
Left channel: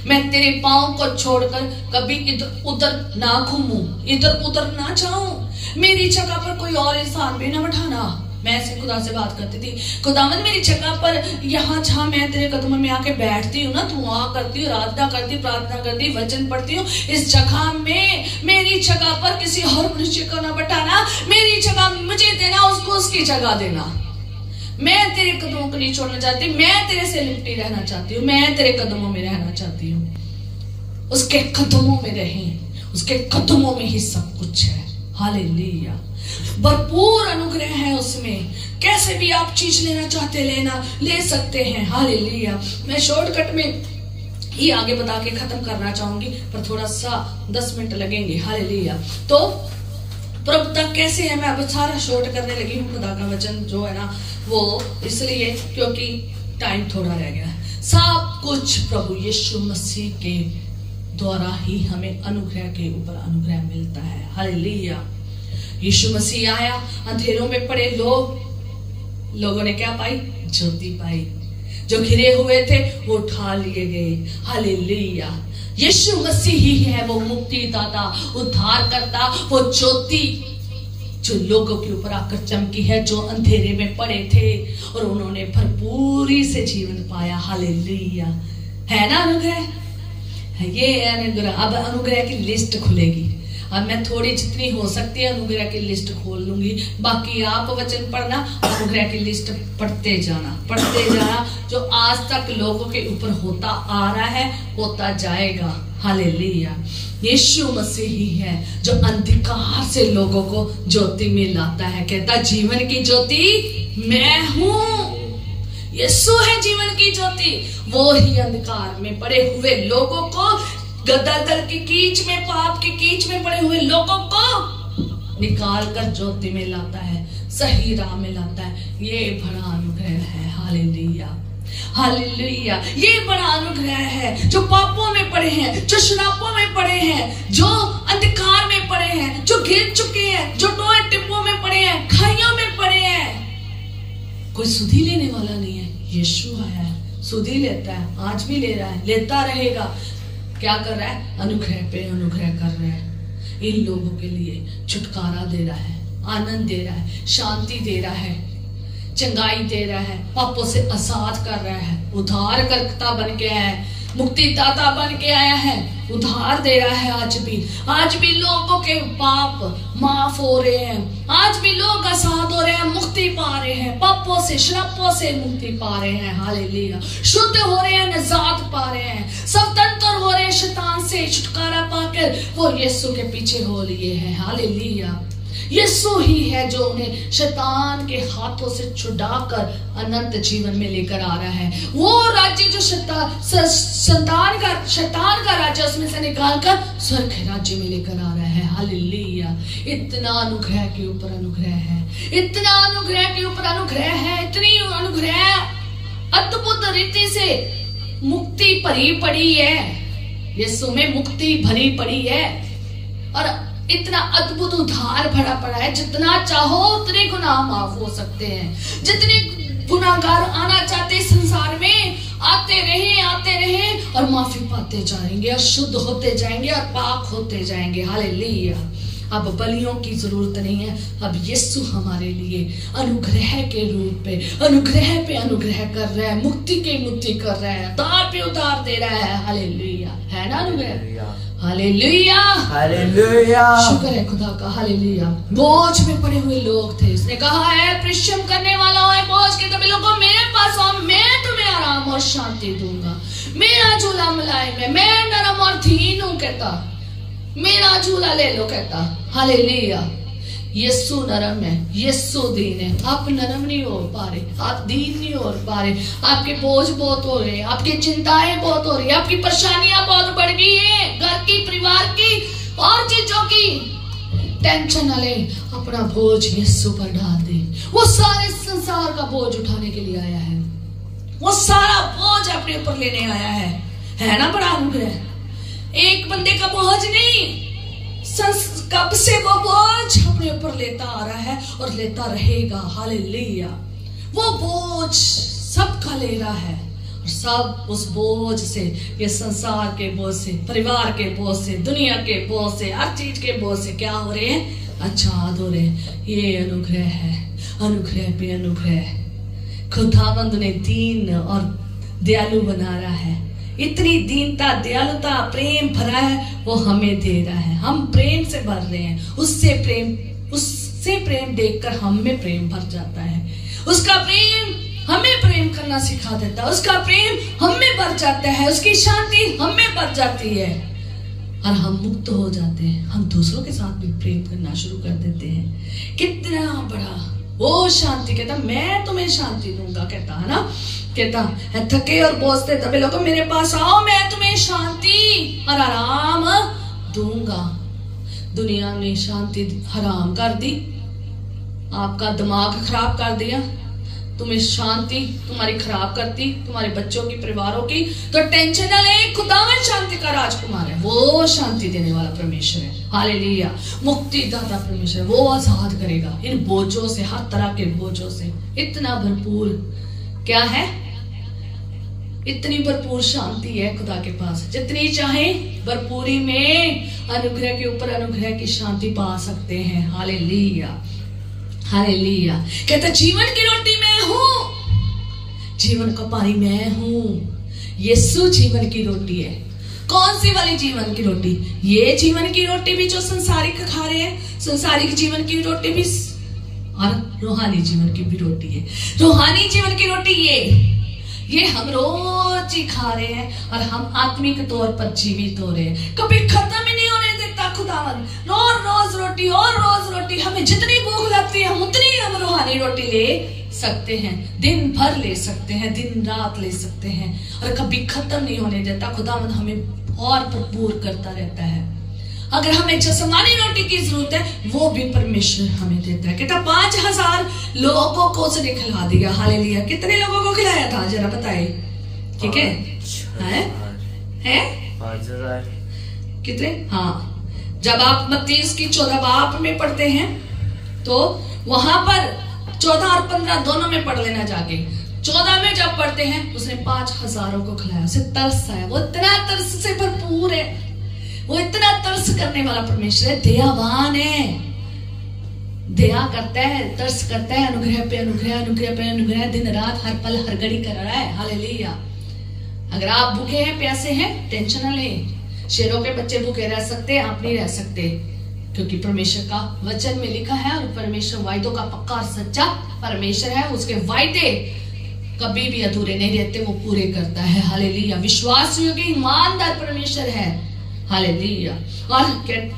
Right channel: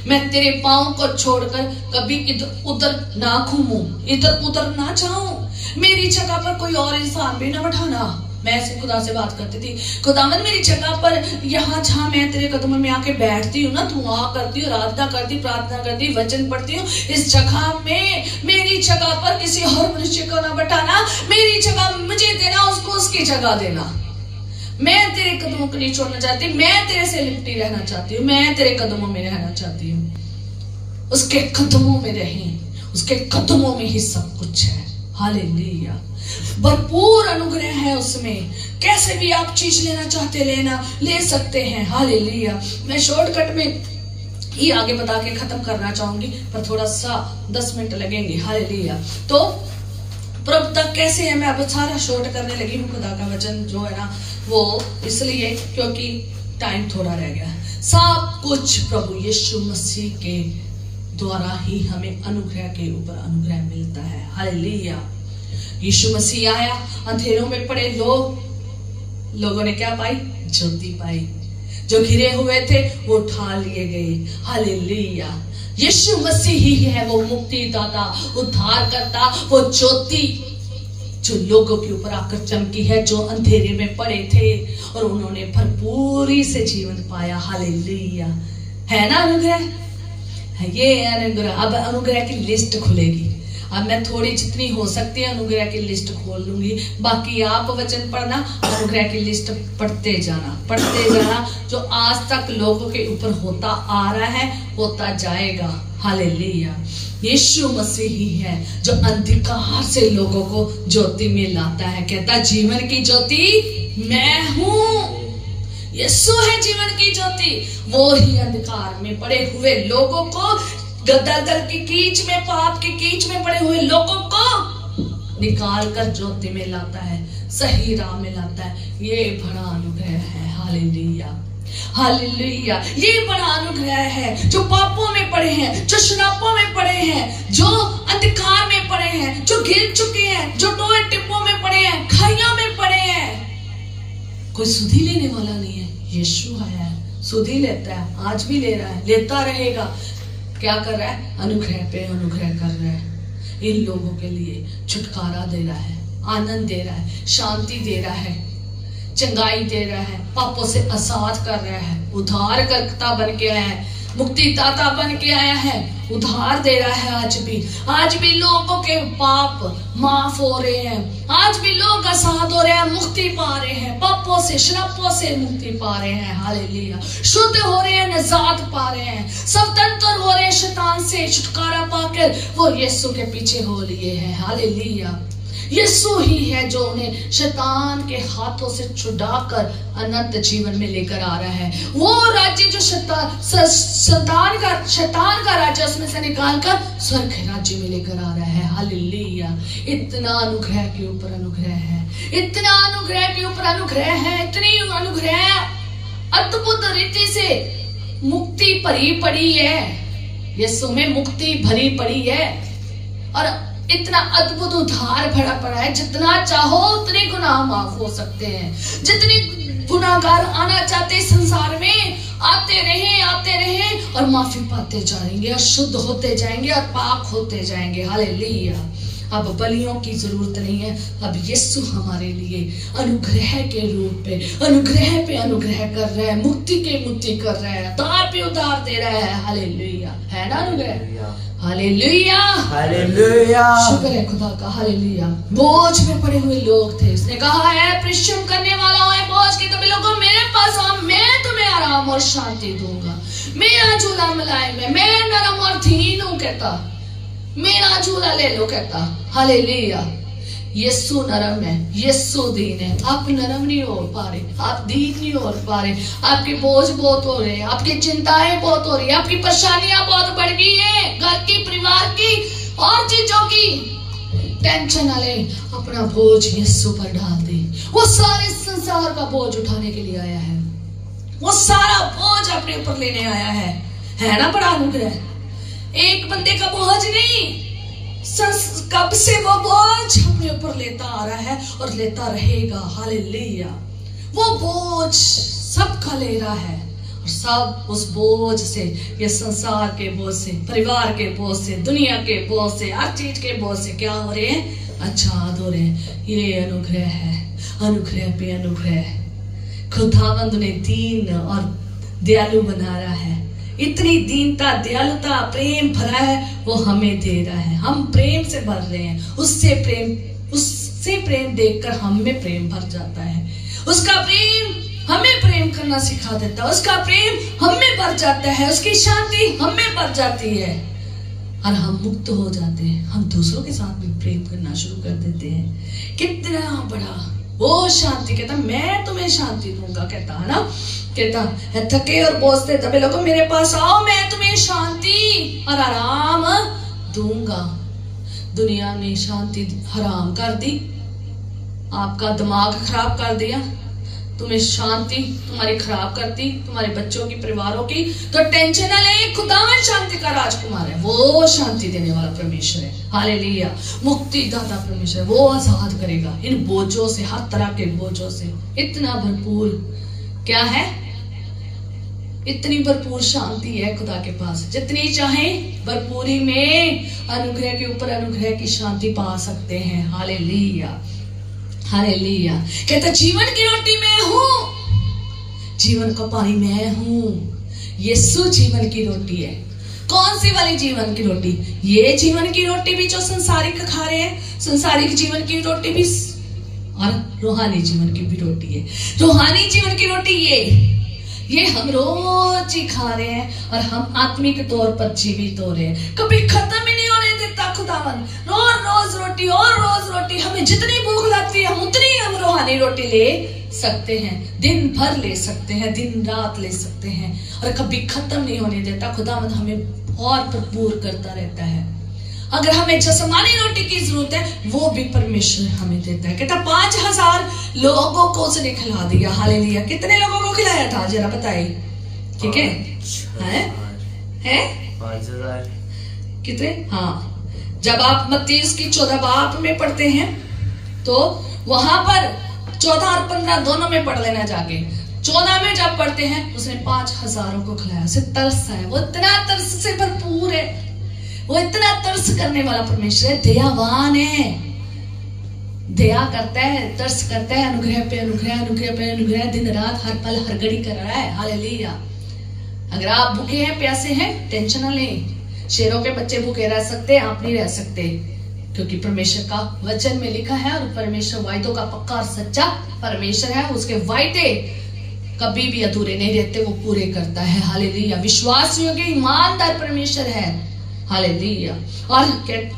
मैं तेरे पांव को छोड़कर कभी इधर उधर ना घूमूं, इधर उधर ना जाऊं, मेरी जगह पर कोई और इंसान भी ना बैठाना। मैं ऐसे खुदा से बात करती थी, खुदावन मेरी जगह पर यहाँ जहाँ मैं तेरे कदमों में आके बैठती हूँ ना, दुआ करती हूँ, आराधना करती हूँ, प्रार्थना करती हूँ, वचन पढ़ती हूँ, इस जगह में मेरी जगह पर किसी और मनुष्य को ना बैठाना, मेरी जगह मुझे देना, उसको उसकी जगह देना। मैं तेरे कदमों को नहीं छोड़ना चाहती, मैं तेरे से लिपटी रहना चाहती हूँ, मैं तेरे कदमों में रहना चाहती हूँ। उसके कदमों में रहें, उसके कदमों में ही सब कुछ है। हालेलुया। भरपूर अनुग्रह है उसमें, कैसे भी आप चीज लेना चाहते ले सकते हैं। हालेलुया। मैं शॉर्टकट में ही आगे बता के खत्म करना चाहूंगी, पर थोड़ा सा 10 मिनट लगेंगे। हालेलुया। तो प्रभुता कैसे है, मैं अब सारा शॉर्ट करने लगी हूँ। खुदा का वचन जो है ना वो इसलिए क्योंकि टाइम थोड़ा रह गया है। सब कुछ प्रभु यीशु मसीह के द्वारा ही हमें अनुग्रह के ऊपर अनुग्रह मिलता है। हालेलुया। यीशु मसीह आया, अंधेरों में पड़े लोगों ने क्या पाई? ज्योति पाई। जो घिरे हुए थे वो उठा लिए गए। हालेलुया। यीशु मसीह ही है वो मुक्तिदाता, उद्धार करता, वो ज्योति जो लोगों के ऊपर आकर चमकी है, जो अंधेरे में पड़े थे और उन्होंने भरपूरी से जीवन पाया। हालेलुया। है ना अनुग्रह? ये अनुग्रह। अब अनुग्रह की लिस्ट खुलेगी। अब मैं थोड़ी जितनी हो सकती है अनुग्रह की लिस्ट खोल लूंगी, बाकी आप वचन पढ़ना, अनुग्रह की लिस्ट पढ़ते जाना। जो आज तक लोगों के ऊपर होता आ रहा है, होता जाएगा। हालेलुया। यीशु मसीह ही है जो अंधकार से लोगों को ज्योति में लाता है। कहता जीवन की ज्योति मैं हूँ। यीशु है जीवन की ज्योति। वो ही अंधकार में पड़े हुए लोगों को, गदर की कीच में, पाप की कीच में पड़े हुए लोगों को निकाल कर ज्योति में लाता है, सही राह में लाता है। ये बड़ा अनुग्रह है। हालेलुया। हालेलुया। ये बड़ा अनुग्रह है। जो पापों में पड़े हैं, जो शराबों में पड़े हैं, जो अंधकार में पड़े हैं, जो गिर चुके हैं, जो टोए टिप्पों में पड़े हैं, खाइयों में पड़े हैं, कोई सुधि लेने वाला नहीं है। यीशु आया है, सुधि लेता है, आज भी ले रहा है, लेता रहेगा। क्या कर रहा है? अनुग्रह पे अनुग्रह कर रहा है। इन लोगों के लिए छुटकारा दे रहा है, आनंद दे रहा है, शांति दे रहा है, चंगाई दे रहा है, पापों से आजाद कर रहा है, उद्धार करता बन के आया है, मुक्तिदाता बन के आया है, उद्धार दे रहा है। आज भी लोगों के पाप माफ हो रहे हैं, आज भी लोग आजाद हो रहे हैं, मुक्ति पा रहे हैं, पापों से, शराबों से मुक्ति पा रहे हैं। हालेलुया। शुद्ध हो रहे हैं, निजात पा रहे हैं, स्वतंत्र हो रहे हैं शैतान से, छुटकारा पाकर वो यीशु के पीछे हो लिए हैं। हालेलुया। यीशु ही है जो उन्हें शैतान के हाथों से छुड़ाकर अनंत जीवन में लेकर आ रहा है। वो राज्य जो शैतान का राज्य उसमें से निकालकर स्वर्ग के राज्य में लेकर आ रहा है। हालेलुया। इतना अनुग्रह के ऊपर अनुग्रह है, इतना अनुग्रह के ऊपर अनुग्रह है, इतनी अनुग्रह अद्भुत रीति से मुक्ति भरी पड़ी है। यीशु में मुक्ति भरी पड़ी है और इतना अद्भुत उद्धार भरा पड़ा है। जितना चाहो उतने गुनाह माफ हो सकते हैं। जितने गुनाहगार आना चाहते संसार में आते रहे और माफी पाते जाएंगे और शुद्ध होते जाएंगे और पाक होते जाएंगे। हालेलुया। अब बलियों की जरूरत नहीं है। अब यीशु हमारे लिए अनुग्रह के रूप पे अनुग्रह कर रहा है, मुक्ति के मुक्ति कर रहा है, उद्धार पे उद्धार दे रहा है। हालेलुया। है ना अनुग्रह? हालेलुया। हालेलुया। शुक्र है खुदा का। हालेलुया। बोझ में पड़े हुए लोग थे, उसने कहा है परिश्रम करने वाला है बोझ के तभी लोगों मेरे पास आओ, मैं तुम्हें आराम और शांति दूंगा। मेरा झूला मुलायम है, मैं नरम और दीन हूं। कहता मेरा झूला ले लो। कहता हालेलुया। यीशु नरम है, यीशु दीन है। आप नरम नहीं हो पा रहे, आप दीन नहीं हो पा रहे, आपके बोझ बहुत हो रहे हैं, आपकी चिंताएं बहुत हो रही है, आपकी परेशानियां बहुत बढ़ गई है, घर की, परिवार की और चीजों की टेंशन ना ले, अपना बोझ यीशु पर डाल दे। वो सारे संसार का बोझ उठाने के लिए आया है, वो सारा बोझ अपने ऊपर लेने आया है ना? बड़ा अनुग्रह। एक बंदे का बोझ नहीं, कब से वो बोझ अपने ऊपर लेता आ रहा है और लेता रहेगा। हालेलुया। वो बोझ सबका ले रहा है और सब उस बोझ से, ये संसार के बोझ से, परिवार के बोझ से, दुनिया के बोझ से, हर चीज के बोझ से क्या हो रहे हैं? आजाद हो रहे हैं। ये अनुग्रह है, अनुग्रह पे अनुग्रह। खुदावंद ने दीन और दयालु बना रहा है। इतनी दीनता, दयालुता, प्रेम भरा है वो हमें दे रहा है। हम प्रेम से भर रहे हैं, उससे प्रेम देखकर हम में प्रेम भर जाता है। उसका प्रेम हमें प्रेम करना सिखा देता है, उसका प्रेम हम में भर जाता है, उसकी शांति हम में भर जाती है और हम मुक्त हो जाते हैं। हम दूसरों के साथ भी प्रेम करना शुरू कर देते हैं। कितना बड़ा वो शांति। कहता मैं तुम्हें शांति दूंगा। कहता है ना, कहता है थके और बोझते दबे लोगों मेरे पास आओ, मैं तुम्हें शांति और आराम दूंगा। दुनिया ने शांति हराम कर दी, आपका दिमाग खराब कर दिया, तुम्हें शांति तुम्हारी खराब करती, तुम्हारे बच्चों की, परिवारों की, तो टेंशन न ले, खुदावन शांति का राजकुमार है, वो शांति देने वाला परमेश्वर है। हालेलुया। मुक्ति दाता परमेश्वर, वो आजाद करेगा इन बोझों से, हर तरह के बोझों से। इतना भरपूर क्या है, इतनी भरपूर शांति है खुदा के पास, जितनी चाहे भरपूरी में अनुग्रह के ऊपर अनुग्रह की शांति पा सकते हैं। Hallelujah, hallelujah. कहता जीवन की रोटी मैं हूं, जीवन का पानी मैं हूं। यीशु जीवन की रोटी है। कौन सी वाली जीवन की रोटी? ये जीवन की रोटी भी जो संसारिक खा रहे हैं, संसारिक जीवन की रोटी भी, और रूहानी जीवन की भी रोटी है। रूहानी जीवन की रोटी ये हम रोज ही खा रहे हैं और हम आत्मिक तौर पर जीवित हो रहे हैं। कभी खत्म ही नहीं होने देता खुदावन। रोज रोज रोटी और रोज रोटी, हमें जितनी भूख लगती है उतनी हम रूहानी रोटी ले सकते हैं, दिन भर ले सकते हैं, दिन रात ले सकते हैं, और कभी खत्म नहीं होने देता। खुदावन हमें और भरपूर करता रहता है। अगर हमें जिस्मानी रोटी की जरूरत है, वो भी परमेश्वर हमें देता है। कहता 5000 लोगों को उसने खिला दिया। हालेलुया। कितने लोगों को खिलाया था जरा बताइए? ठीक है, हैं 5000 कितने? हाँ, जब आप मत्ती की 14 बाब में पढ़ते हैं तो वहां पर 14 और 15 दोनों में पढ़ लेना जाके। 14 में जब पढ़ते हैं उसने 5000 को खिलाया। उसे तरस है, वो इतना तरस से भरपूर है, वो इतना तरस करने वाला परमेश्वर है, दयावान है, दया करता है, तरस करता है, अनुग्रह पे अनुग्रह, अनुग्रह पे अनुग्रह, दिन रात हर पल हर घड़ी कर रहा है। हालेलुया। अगर आप भूखे हैं, प्यासे हैं, टेंशन न लें। शेरों के बच्चे भूखे रह सकते, आप नहीं रह सकते, क्योंकि परमेश्वर का वचन में लिखा है, और परमेश्वर वायदों का पक्का और सच्चा परमेश्वर है। उसके वायदे कभी भी अधूरे नहीं रहते, वो पूरे करता है। हालेलुया। विश्वास योग्य ईमानदार परमेश्वर है। हालेलुया। और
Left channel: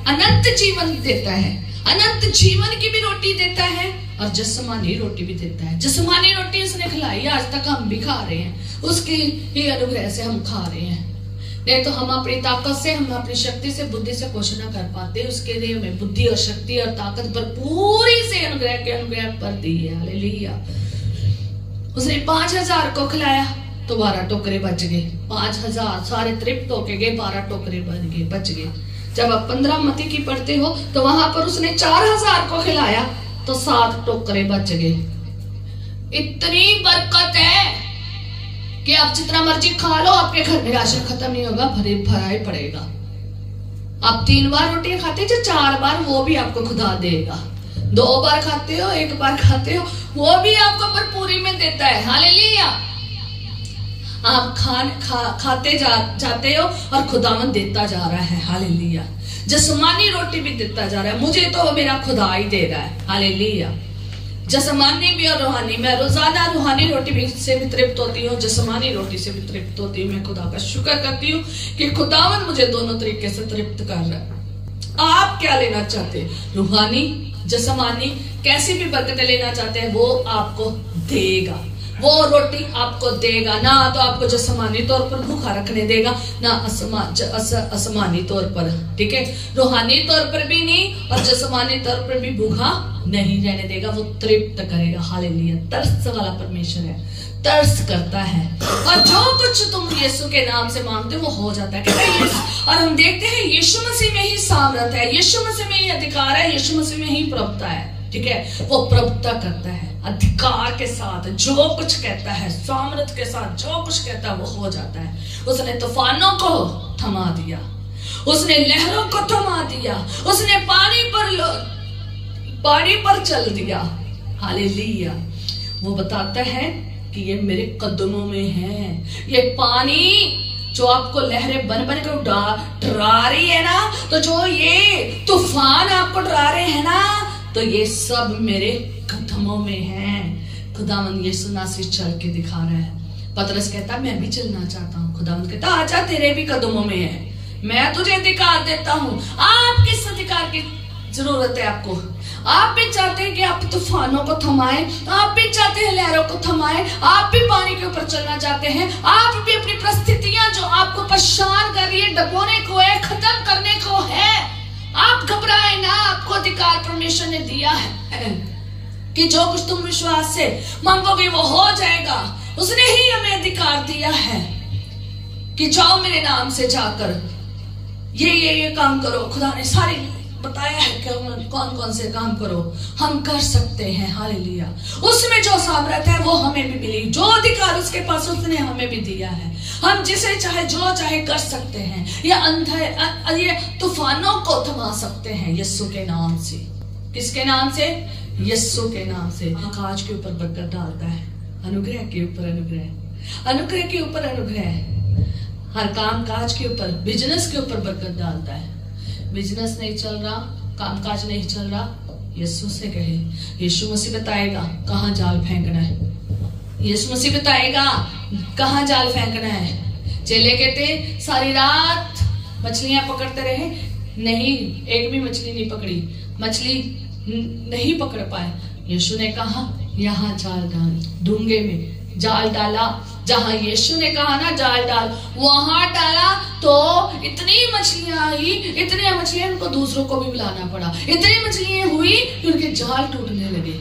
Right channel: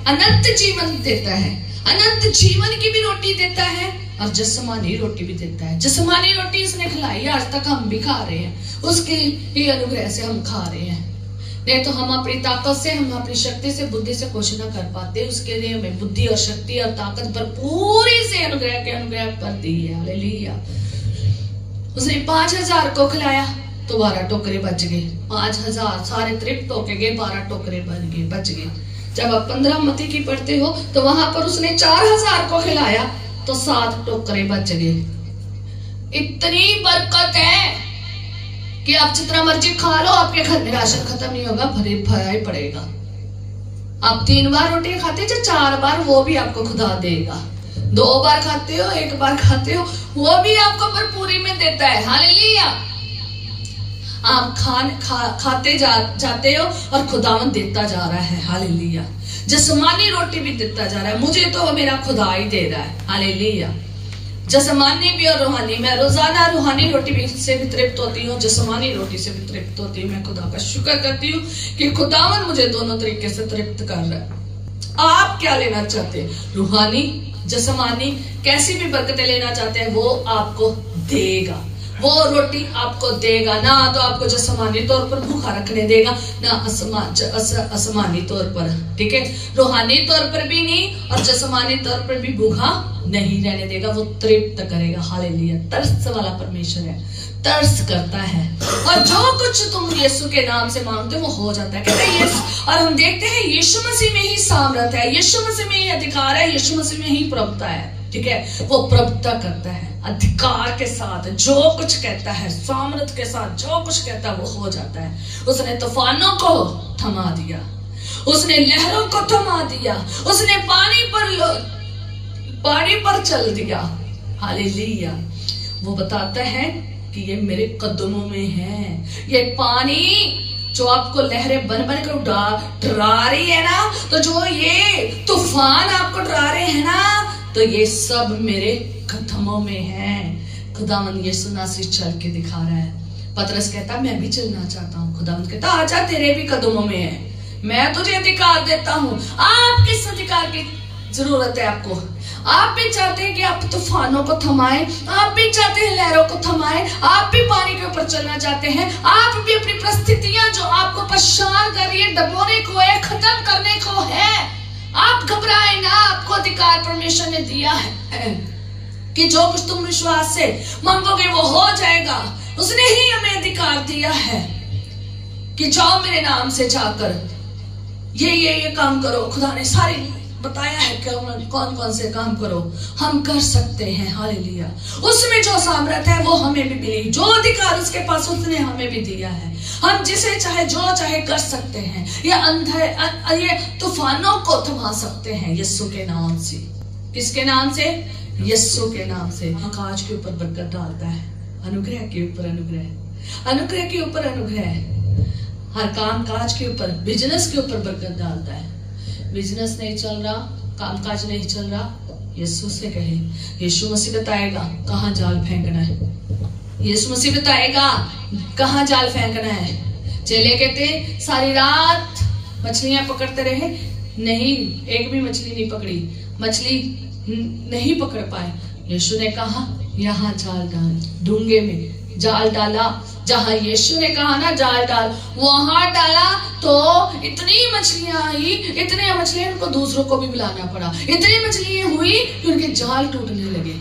अनंत जीवन देता है, अनंत जीवन की भी रोटी देता है, और जिस्मानी रोटी भी देता है। जिस्मानी रोटी उसने खिलाई, आज तक हम भी खा रहे हैं, उसकी ही अनुग्रह से हम खा रहे हैं। नहीं तो हम अपनी ताकत से, हम अपनी शक्ति से, बुद्धि से कुछ ना कर पाते। उसके लिए हमें बुद्धि और शक्ति और ताकत भरपूरी से अनुग्रह के अनुग्रह कर दी है। हालेलुया। उसने 5000 को खिलाया तो 12 टोकरे बच गए। 5000 सारे तृप्त होके गए, 12 टोकरे बच गए। जब आप 15 मत्ती की पढ़ते हो तो वहां पर उसने 4000 को खिलाया तो 7 टोकरे बच गए। इतनी बरकत है कि आप जितना मर्जी खा लो, आपके घर में राशन खत्म नहीं होगा, भरा ही पड़ेगा। आप 3 बार रोटी खाते जो 4 बार, वो भी आपको खुदा देगा। 2 बार खाते हो, 1 बार खाते हो, वो भी आपको भरपूरी में देता है। हालेलुया। आप खाते जाते हो और खुदावन देता जा रहा है। हालेलुया। जिस्मानी रोटी भी देता जा रहा है। मुझे तो मेरा खुदा ही दे रहा है। हालेलुया। जिस्मानी भी और रूहानी। मैं रोजाना रूहानी रोटी से भी तृप्त होती हूँ, जिस्मानी रोटी से भी तृप्त होती हूँ। मैं खुदा का शुक्र करती हूँ कि खुदावन मुझे दोनों तरीके से तृप्त कर रहा है। आप क्या लेना चाहते हैं? रूहानी, जिस्मानी, कैसी भी बरकतें लेना चाहते हैं, वो आपको देगा, वो रोटी आपको देगा। ना तो आपको जिस्मानी तौर पर भूखा रखने देगा, ना आसमानी तौर पर, ठीक है, रूहानी तौर पर भी नहीं और जिस्मानी तौर पर भी भूखा नहीं रहने देगा। वो तृप्त करेगा। हालेलुया। तरस वाला परमेश्वर है, तरस करता है, और जो कुछ तुम यीशु के नाम से मांगते हो वो हो जाता है। कहते हैं और हम देखते हैं यीशु मसीह में ही सामर्थ है, यीशु मसीह में ही अधिकार है, यीशु मसीह में ही प्रभुता है। ठीक है, वो प्रभुता करता है अधिकार के साथ, जो कुछ कहता है सामर्थ के साथ, जो कुछ कहता है वो हो जाता है। उसने तूफानों को थमा दिया, उसने लहरों को थमा दिया, उसने पानी पर चल दिया। हालेलुया। वो बताता है कि ये मेरे कदमों में है। ये पानी जो आपको लहरें बन बन कर डरा रही है ना, तो जो ये तूफान आपको डरा रहे हैं ना, तो ये सब मेरे कदमों में है। खुदावन यीशु नासरी चल के दिखा रहा है। पतरस कहता मैं भी चलना चाहता हूँ। खुदावन कहता आजा, तेरे भी कदमों में है, मैं तुझे अधिकार देता हूँ। आप किस अधिकार की जरूरत है आपको? आप भी चाहते हैं कि आप तूफानों को थमाएं, आप भी चाहते हैं लहरों को थमाएं, आप भी पानी के ऊपर चलना चाहते हैं, आप भी अपनी परिस्थितियां जो आपको परेशान कर रही है, दबोने को है, खत्म करने को है, आप घबराए ना, आपको अधिकार परमेश्वर ने दिया है। कि जो कुछ तुम विश्वास से मांगोगे वो हो जाएगा। उसने ही हमें अधिकार दिया है कि जाओ मेरे नाम से जाकर ये काम करो। खुदा ने सारे बताया है कि कौन कौन से काम करो, हम कर सकते हैं। हालेलुया। उसमें जो सामर्थ है वो हमें भी मिली, जो अधिकार उसके पास उसने हमें भी दिया है। हम जिसे चाहे जो चाहे कर सकते हैं। ये तूफानों को थमा सकते हैं यीशु के नाम से। किसके नाम से? यीशु के नाम से। काज के ऊपर बरकत डालता है, अनुग्रह के ऊपर अनुग्रह, अनुग्रह के ऊपर अनुग्रह। हर काम काज के ऊपर, बिजनेस के ऊपर बरकत डालता है। बिजनेस नहीं चल रहा, कामकाज नहीं चल रहा, यीशु से कहे, यीशु मसीह बताएगा कहाँ जाल फेंकना है। यीशु मसीह बताएगा कहाँ जाल फेंकना है। चेले कहते सारी रात मछलियां पकड़ते रहे, नहीं एक भी मछली नहीं पकड़ी, मछली नहीं पकड़ पाए। यीशु ने कहा यहाँ जाल डाल, डूंगे में जाल डाला। जहां यीशु ने कहा ना जाल डाल, वहां डाला तो इतनी मछलियां आई, इतनी मछलियां उनको दूसरों को भी बुलाना पड़ा। इतनी मछलियां हुई कि उनके जाल टूटने लगे।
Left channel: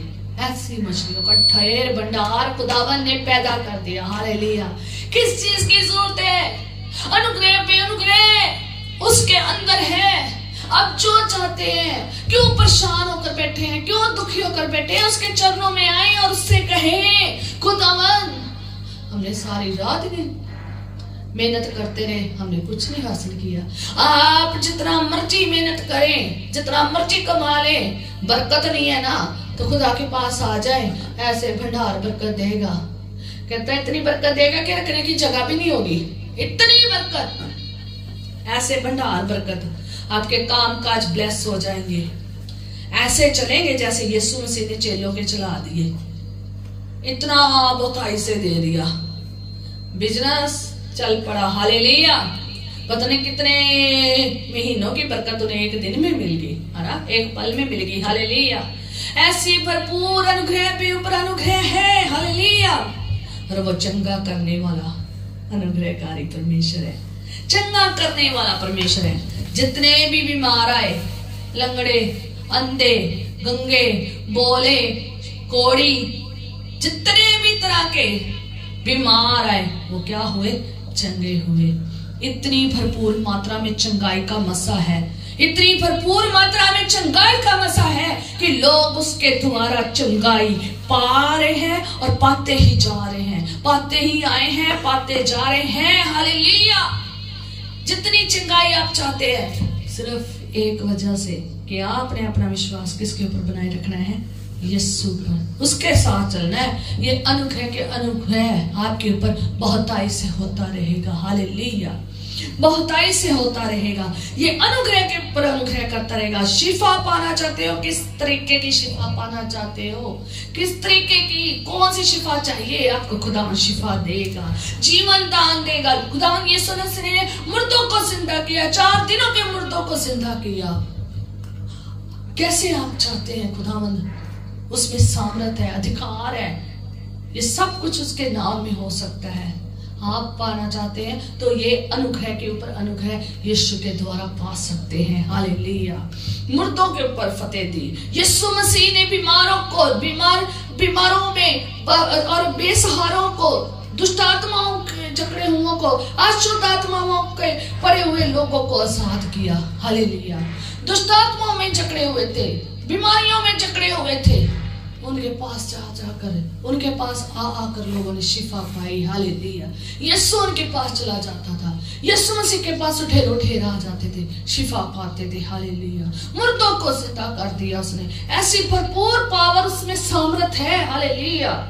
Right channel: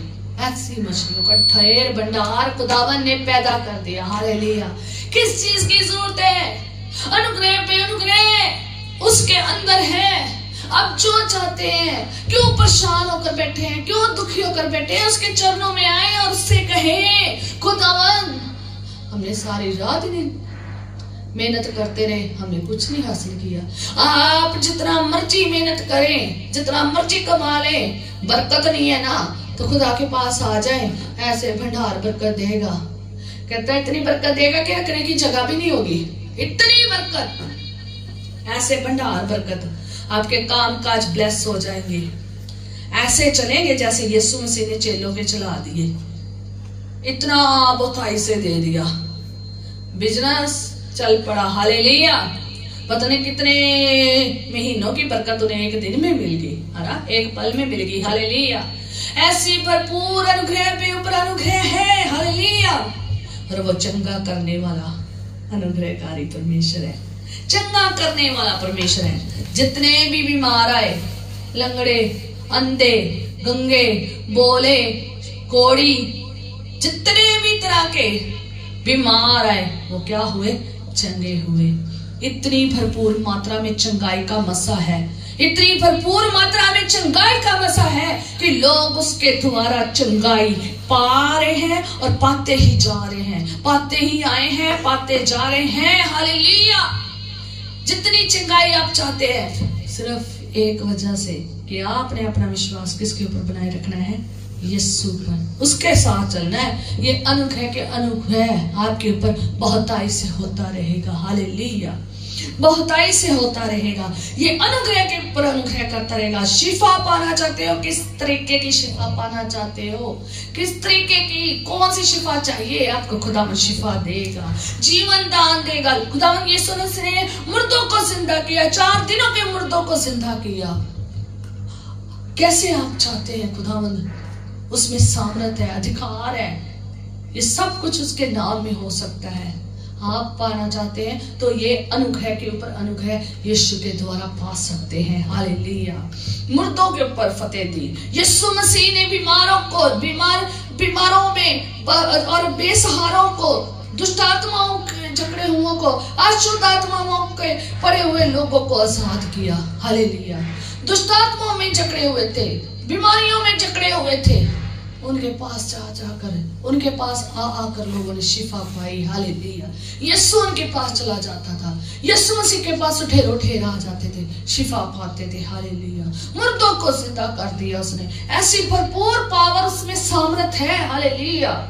ऐसी मछलियों का ढेर भंडार खुदावन ने पैदा कर दिया। हालेलुया। किस चीज की जरूरत है? अनुग्रह पे अनुग्रह उसके अंदर है। अब जो चाहते हैं, क्यों परेशान होकर बैठे हैं, क्यों दुखी होकर बैठे हैं, उसके चरणों में आए और उससे कहे खुदावन हमने सारी रात मेहनत करते रहे, हमने कुछ नहीं हासिल किया। आप जितना मर्जी मेहनत करें, जितना मर्जी कमा लें, बरकत नहीं है ना, तो खुदा के पास आ जाए, ऐसे भंडार बरकत देगा। कहता है इतनी बरकत देगा कि रखने की जगह भी नहीं होगी। इतनी बरकत, ऐसे भंडार बरकत, आपके काम काज ब्लेस हो जाएंगे। ऐसे चलेंगे जैसे यीशु मसीह ने चेलों के चला दिए। इतना बहुताई से दे दिया, बिजनेस चल पड़ा। हालेलुया। पता नहीं कितने महीनों की बरकत उन्हें एक दिन में मिल गई, है ना, एक पल में मिल गई। हालेलुया। ऐसी भरपूर अनुग्रह पे ऊपर अनुग्रह है। हालेलुया। और वो चंगा करने वाला अनुग्रहकारी परमेश्वर है, चंगा करने वाला परमेश्वर है। जितने भी बीमार आए, लंगड़े, अंधे, गंगे, बोले, कोड़ी, जितने भी तरह के बीमार आए, वो क्या हुए? चंगे हुए। इतनी भरपूर मात्रा में चंगाई का मसा है, इतनी भरपूर मात्रा में चंगाई का मसा है कि लोग उसके द्वारा चंगाई पा रहे हैं और पाते ही जा रहे हैं, पाते ही आए हैं, पाते जा रहे हैं। हालेलुया। जितनी चंगाई आप चाहते हैं, सिर्फ एक वजह से कि आपने अपना विश्वास किसके ऊपर बनाए रखना है? यीशु पर, उसके साथ चलना है। ये अनुग्रह के अनुग्रह आपके ऊपर बहुताई से होता रहेगा। हालेलुया। बहुताई से होता रहेगा। ये अनुग्रह के ऊपर अनुग्रह करता रहेगा। शिफा पाना चाहते हो? किस तरीके की शिफा पाना चाहते हो? किस तरीके की, कौन सी शिफा चाहिए आपको? खुदावन शिफा देगा, जीवन दान देगा। खुदावन यीशु मसीह ने मुर्दों को जिंदा किया, 4 दिनों के मुर्दों को जिंदा किया। कैसे आप चाहते हैं? खुदावन उसमें सामर्थ है, अधिकार है, ये सब कुछ उसके नाम में हो सकता है। आप पाना चाहते हैं तो ये अनुग्रह के ऊपर अनुग्रह यीशु के द्वारा पा सकते हैं। हालेलुया। मुर्दों के ऊपर फतेह दी। यीशु मसीह ने बीमारों में और बेसहारों को, दुष्ट आत्माओं के जकड़े हुओं को, अशुद्ध आत्माओं के पड़े हुए लोगों को आजाद किया। हालेलुया। दुष्ट आत्माओं में जकड़े हुए थे, बीमारियों में जकड़े हुए थे, उनके पास जाकर, उनके पास आकर लोगों ने शिफा पाई। हालेलुया। यीशु उनके पास चला जाता था, यीशु मसीह के पास उठे आ जाते थे, शिफा पाते थे। हालेलुया। मुर्दों को जिंदा कर दिया उसने। ऐसी भरपूर पावर उसमें सामर्थ है। हालेलुया।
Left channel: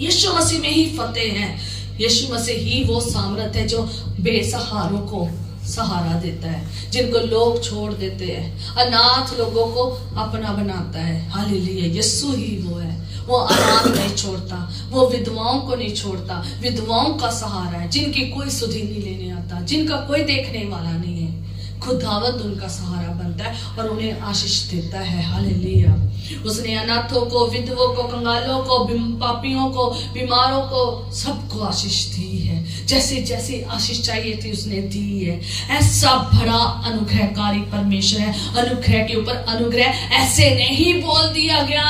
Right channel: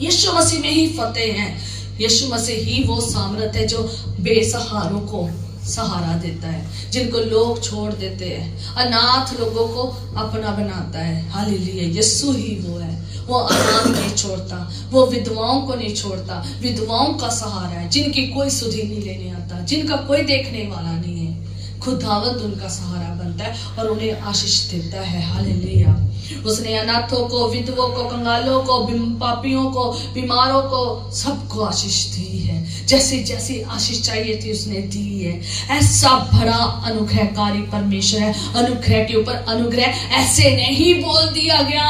यीशु मसीह में ही फतेह है। यीशु मसीह ही वो सामर्थ है जो बेसहारों को सहारा देता है, जिनको लोग छोड़ देते हैं, अनाथ लोगों को अपना बनाता है। हालेलुया। यीशु ही वो है, वो अनाथ नहीं छोड़ता, वो विधवाओं को नहीं छोड़ता, विधवाओं का सहारा है, जिनकी कोई सुधि नहीं लेने आता, जिनका कोई देखने वाला नहीं है। खुदावंद उनका सहारा बनता है और उन्हें आशीष देता है। हालेलुया। उसने अनाथों को, विधवों को, कंगालों को, पापियों को, बीमारों को, सबको आशीष दी है। जैसे जैसे आशीष चाहिए थी उसने दी है। ऐसा बड़ा अनुग्रहकारी परमेश्वर है। अनुग्रह के ऊपर अनुग्रह ऐसे नहीं बोल दिया गया,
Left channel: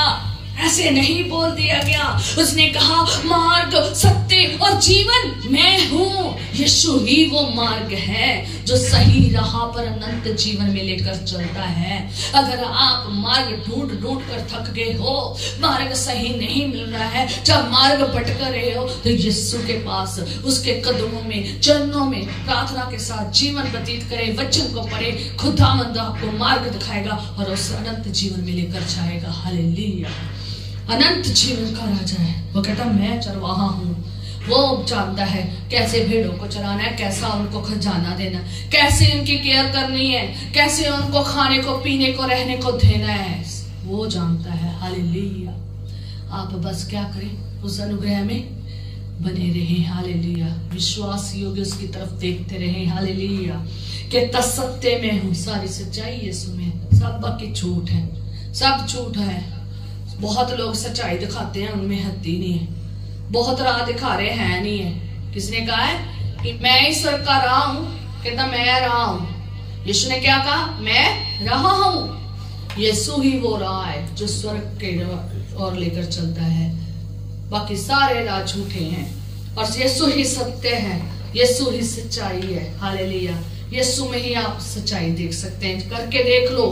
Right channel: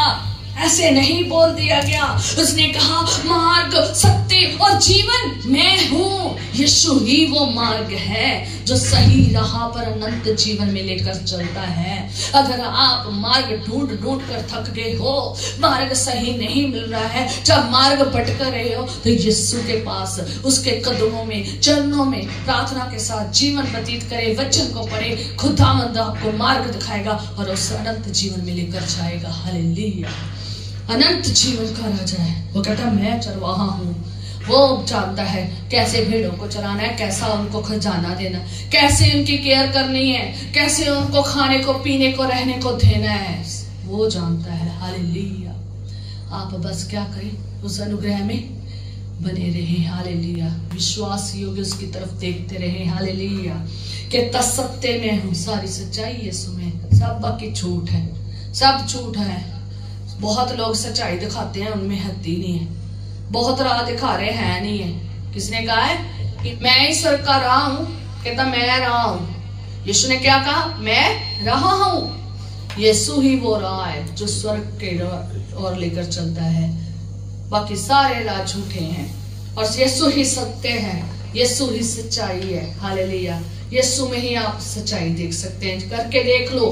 ऐसे नहीं बोल दिया गया। उसने कहा मार्ग, सत्य और जीवन मैं हूं। यीशु ही वो मार्ग है जो सही राह पर अनंत जीवन में लेकर चलता है। अगर आप मार्ग ढूंढ ढूंढ कर थक गए हो, मार्ग सही नहीं मिल रहा है, जब मार्ग भटक रहे हो, तो यीशु के पास, उसके कदमों में, चरणों में प्रार्थना के साथ जीवन व्यतीत करे, वचन को पढ़े, खुदावंद आपको मार्ग दिखाएगा और उस अनंत जीवन में लेकर जाएगा। हालेलुया। अनंत जीवन का राजा है। वो कहता मैं चरवाहा हूं। वो जानता है कैसे भेड़ों को चराना है, कैसा उनको खजाना देना, कैसे उनकी केयर करनी है, कैसे उनको खाने को, पीने को, रहने को देना है। वो जानता है। हालेलुया। आप बस क्या करें, उस अनुग्रह में बने रहें। हालेलुया। विश्वास योग्य उसकी तरफ देखते रहें। हालेलुया। कि सत्य में हूं, सारी सच्चाई यीशु में, सब बाकी झूठ है, सब झूठ है। बहुत लोग सच्चाई दिखाते हैं, उनमें हत्ती नहीं है। बहुत राह दिखा रहे हैं, नहीं है। किसने कहा है कि मैं ही स्वर्ग का राह हूं? कहता मैं राह हूं। यीशु ने क्या कहा? मैं राह हूं। यीशु ही वो राह है जो स्वर्ग के ओर लेकर चलता है। बाकी सारे राह झूठे हैं और यीशु ही सत्य है, यीशु ही सच्चाई है। हालेलुया। यीशु में ही आप सच्चाई देख सकते हैं। करके देख लो।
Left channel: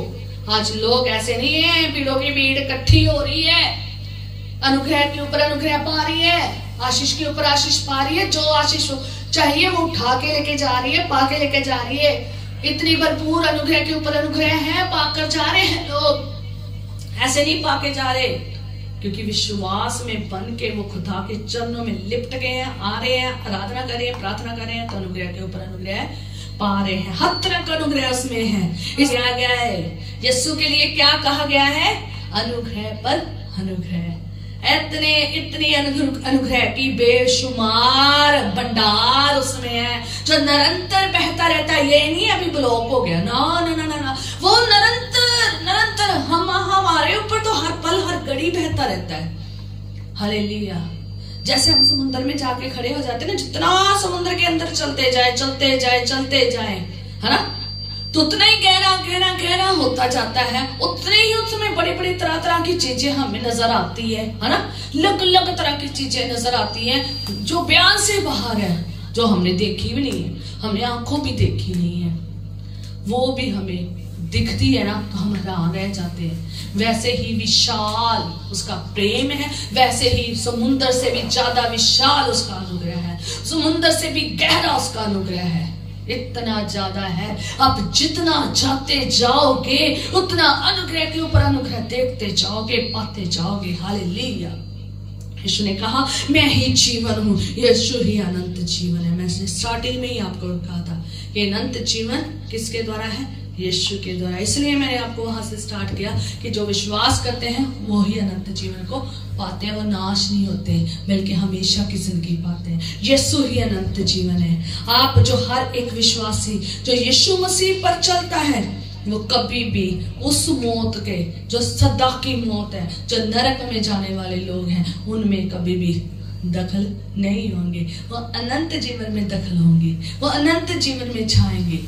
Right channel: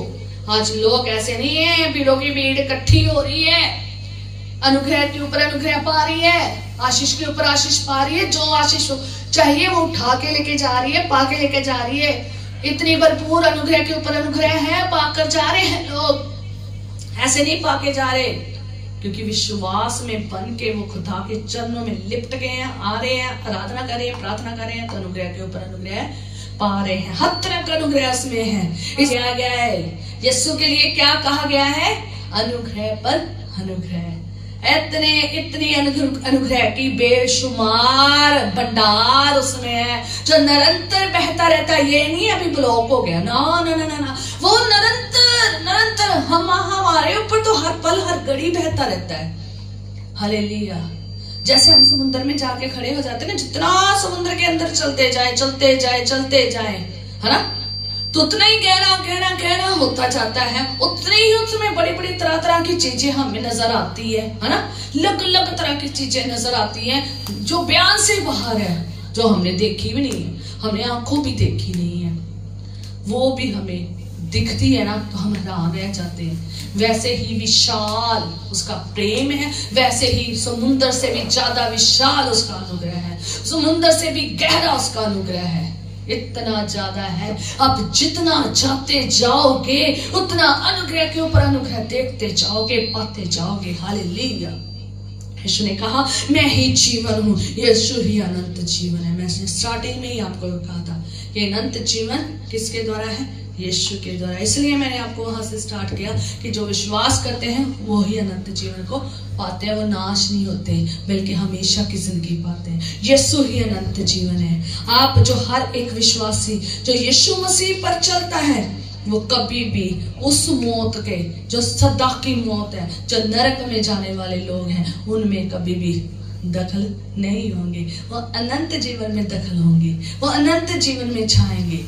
आज लोग ऐसे नहीं है, भीड़ों की भीड़ इकट्ठी हो रही है, अनुग्रह के ऊपर अनुग्रह पा रही है, आशीष के ऊपर आशीष पा रही है, जो आशीष चाहिए वो उठा के लेके जा रही है, पा के लेके जा रही है। इतनी भरपूर अनुग्रह के ऊपर अनुग्रह है, पाकर जा रहे हैं लोग। ऐसे नहीं पाके जा रहे, क्योंकि विश्वास में बन के वो खुदा के चरणों में लिपट गए हैं, आ रहे हैं, आराधना कर रहे हैं, प्रार्थना कर रहे हैं, तो अनुग्रह के ऊपर अनुग्रह पा रहे हैं। हर तरह का अनुग्रह उसमें है। इसलिए गया है यीशु के लिए क्या कहा गया है? अनुग्रह पर अनुग्रह। इतनी अनुग्रह की बेशुमार भंडार उसमें है, जो निरंतर बहता रहता है। ये नहीं अभी ब्लॉक हो गया, ना ना ना ना ना, वो निरंतर निरंतर हमारे ऊपर तो हर पल हर घड़ी बहता रहता है। हालेलुया। जैसे हम समुद्र में जाके खड़े हो जाते हैं ना, जितना समुद्र के अंदर चलते जाए चलते जाए चलते जाए, है ना, तो उतना ही गहरा गहरा गहरा होता जाता है। उतने ही उसमें बड़ी बड़ी तरह तरह की चीजें हमें नजर आती है ना, अलग अलग तरह की चीजें नजर आती हैं जो बयान से बाहर है, जो हमने देखी भी नहीं है, हमने आंखों भी देखी नहीं है, वो भी हमें दिखती है ना, तो हम हैरान रह जाते हैं। वैसे ही विशाल उसका प्रेम है, वैसे ही समुद्र से भी ज्यादा विशाल उसका अनुग्रह है, समुद्र से भी गहरा उसका अनुग्रह है। इतना ज्यादा है, आप जितना जाते जाओगे उतना अनुग्रह के ऊपर अनुग्रह देखते जाओगे, पाते जाओगे। हालेलुया। यीशु ने कहा मैं ही जीवन हूं, यीशु ही अनंत जीवन है। मैंने स्टार्टिंग में ही आपको कहा था कि अनंत जीवन किसके द्वारा है? यीशु के द्वारा। इसलिए मैंने आपको वहां से स्टार्ट किया कि जो विश्वास करते हैं वो ही अनंत जीवन को पाते हैं, वो नाश नहीं होते बल्कि हमेशा की जिंदगी पाते हैं। यीशु ही अनंत जीवन है। आप जो हर एक विश्वासी जो यीशु मसीह पर चलता है, वो कभी भी उस मौत के, जो सदा की मौत है, जो नरक में जाने वाले लोग हैं, उनमें कभी भी दखल नहीं होंगे। वो अनंत जीवन में दखल होंगे, वो अनंत जीवन में जाएंगे।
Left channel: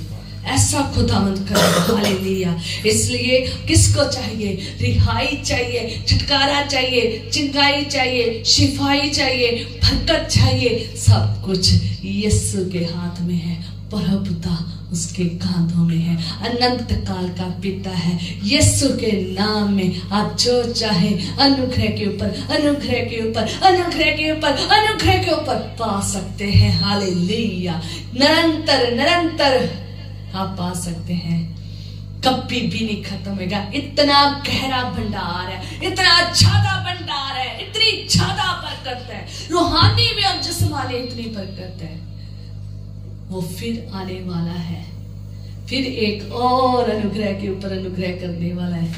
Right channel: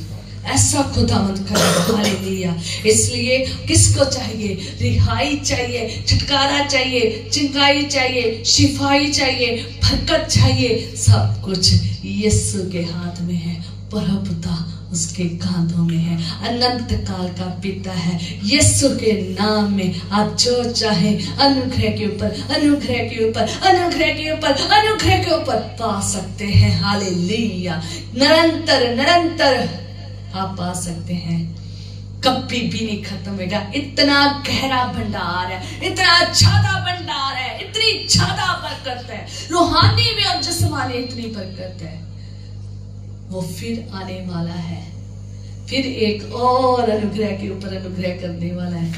ऐसा खुदावंद करेगा। हालेलुया। इसलिए किसको चाहिए? रिहाई चाहिए, छुटकारा चाहिए, चिंगाई चाहिए, शिफाई चाहिए, बरकत चाहिए। सब कुछ यीशु के हाथ में है, प्रभुता उसके कांधों में है, अनंत काल का पिता है। यीशु के नाम में आप जो चाहे अनुग्रह के ऊपर अनुग्रह के ऊपर अनुग्रह के ऊपर अनुग्रह के ऊपर पा सकते हैं। हालेलुया। निरंतर निरंतर आप पा सकते हैं, कभी भी नहीं खत्म होगा। इतना गहरा भंडार है, इतना ज्यादा भंडार है, इतनी ज्यादा बरकत है, रूहानी भी और जिस्मानी इतनी बरकत है। वो फिर आने वाला है, फिर एक और अनुग्रह के ऊपर अनुग्रह करने वाला है,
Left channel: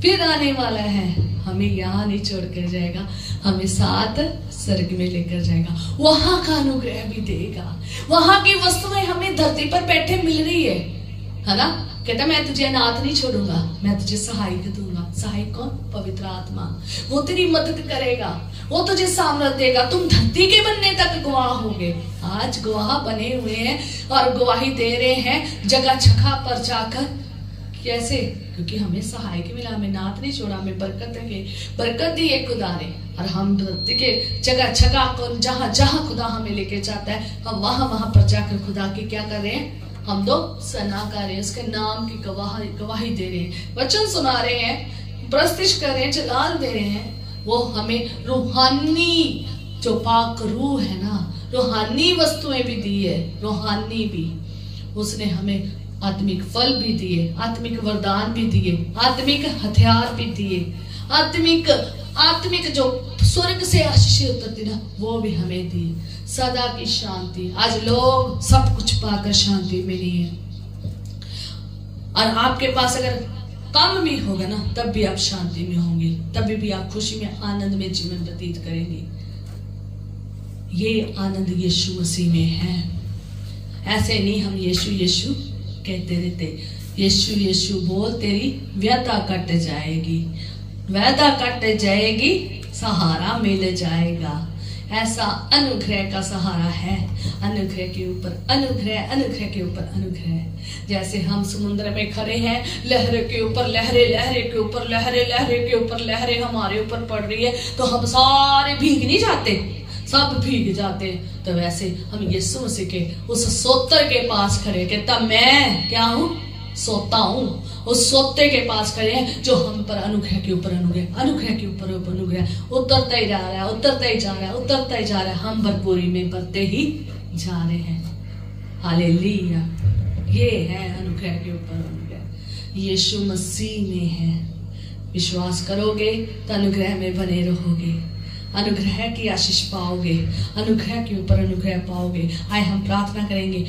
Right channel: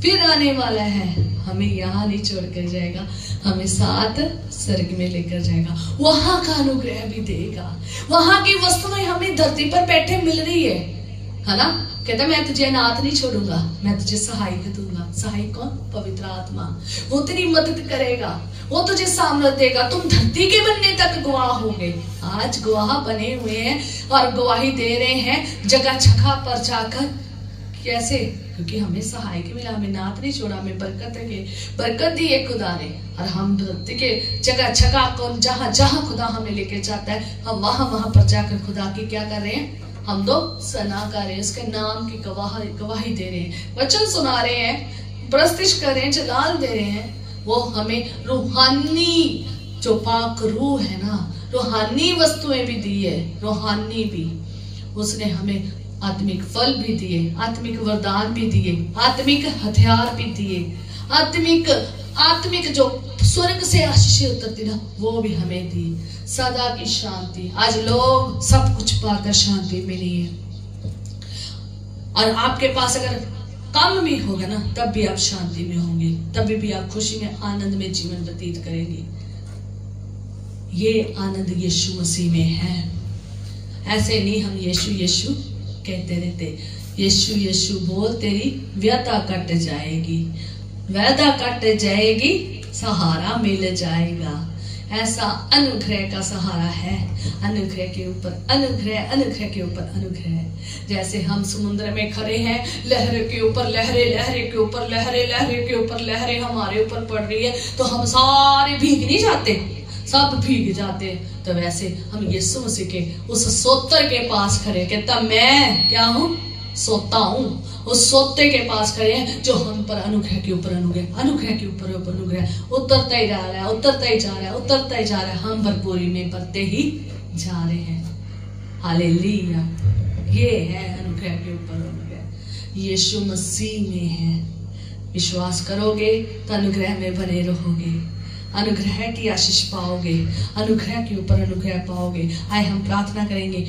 फिर आने वाला है। हमें यहाँ नहीं छोड़कर जाएगा, हमें साथ स्वर्ग में लेकर जाएगा, वहां का अनुग्रह भी देगा। वहां की वस्तुएं हमें धरती पर बैठे मिल रही है ना। कहता मैं तुझे अनाथ नहीं छोड़ूंगा, मैं तुझे सहायक दूंगा। सहायक कौन? पवित्र आत्मा। वो तेरी मदद करेगा, वो तुझे सामर्थ देगा। तुम धरती के बनने तक गवाह होंगे। आज गवाह बने हुए हैं और गवाही दे रहे हैं जगह जगह पर जाकर। कैसे? क्योंकि हमें सहायक मिला, हमें नाथ नहीं छोड़ा, हमें बरकत दी है खुदा ने। और हम धरती के जगह जगह को जहां जहां खुदा हमें लेके जाता है, हम वहां वहां पर जाकर खुदा की क्या कर रहे हैं, हम तो सना कर रहे हैं, उसके नाम की गवाही दे रहे हैं, वचन सुना रहे हैं, प्रस्तिश कर रहे हैं, जलाल दे रहे हैं। वो हमें रूहानी जो पाक रूह है ना, रूहानी वस्तुएं भी दी है, रूहानी भी। उसने हमें आत्मिक फल भी दिए, आत्मिक वरदान भी दिए, आत्मिक हथियार भी दिए, आत्मिक जो स्वर्ग से आशीष उतरती ना, वो भी हमें दी। सदा की शांति। आज लोग सब कुछ पाकर शांति में नहीं है, और आपके पास अगर कम भी होगा ना, तब भी आप शांति में होंगे, तभी भी आप खुशी में आनंद में जीवन व्यतीत करेंगे। ये आनंद यीशु मसीह में है। ऐसे नहीं हम यीशु यीशु कहते रहते, यीशु यीशु बोल, तेरी व्यथा कट जाएगी, व्यथा कट जाएगी, सहारा मिल जाएगा। ऐसा अनुग्रह का सहारा है, अनुग्रह के ऊपर अनुग्रह, अनुग्रह के ऊपर अनुग्रह। जैसे हम समुद्र में खड़े हैं, लहरों के ऊपर लहरें, लहरें के ऊपर लहरें, लहरें के ऊपर लहरें हमारे ऊपर पड़ रही है, तो हम सारे भीग नहीं जाते, सब भीग जाते। तो वैसे हम यीशु मसीह के उस सोतर के पास खड़े के, तब मैं क्या हूं, सोता हूं, उस सोते के पास खड़े हैं जो हम पर अनुग्रह के ऊपर अनुग्रह, अनुग्रह के ऊपर अनुग्रह उतरता ही जा रहा है, उतरता ही जा रहा है, उतरता ही जा रहा है। हम भरपूरी में बढ़ते ही जा रहे हैं। हालेलुया। ये है अनुग्रह के ऊपर अनुग्रह, यीशु मसीह में है। विश्वास करोगे तो अनुग्रह में बने रहोगे, अनुग्रह की आशीष पाओगे, अनुग्रह के ऊपर अनुग्रह पाओगे। आए हम प्रार्थना करेंगे।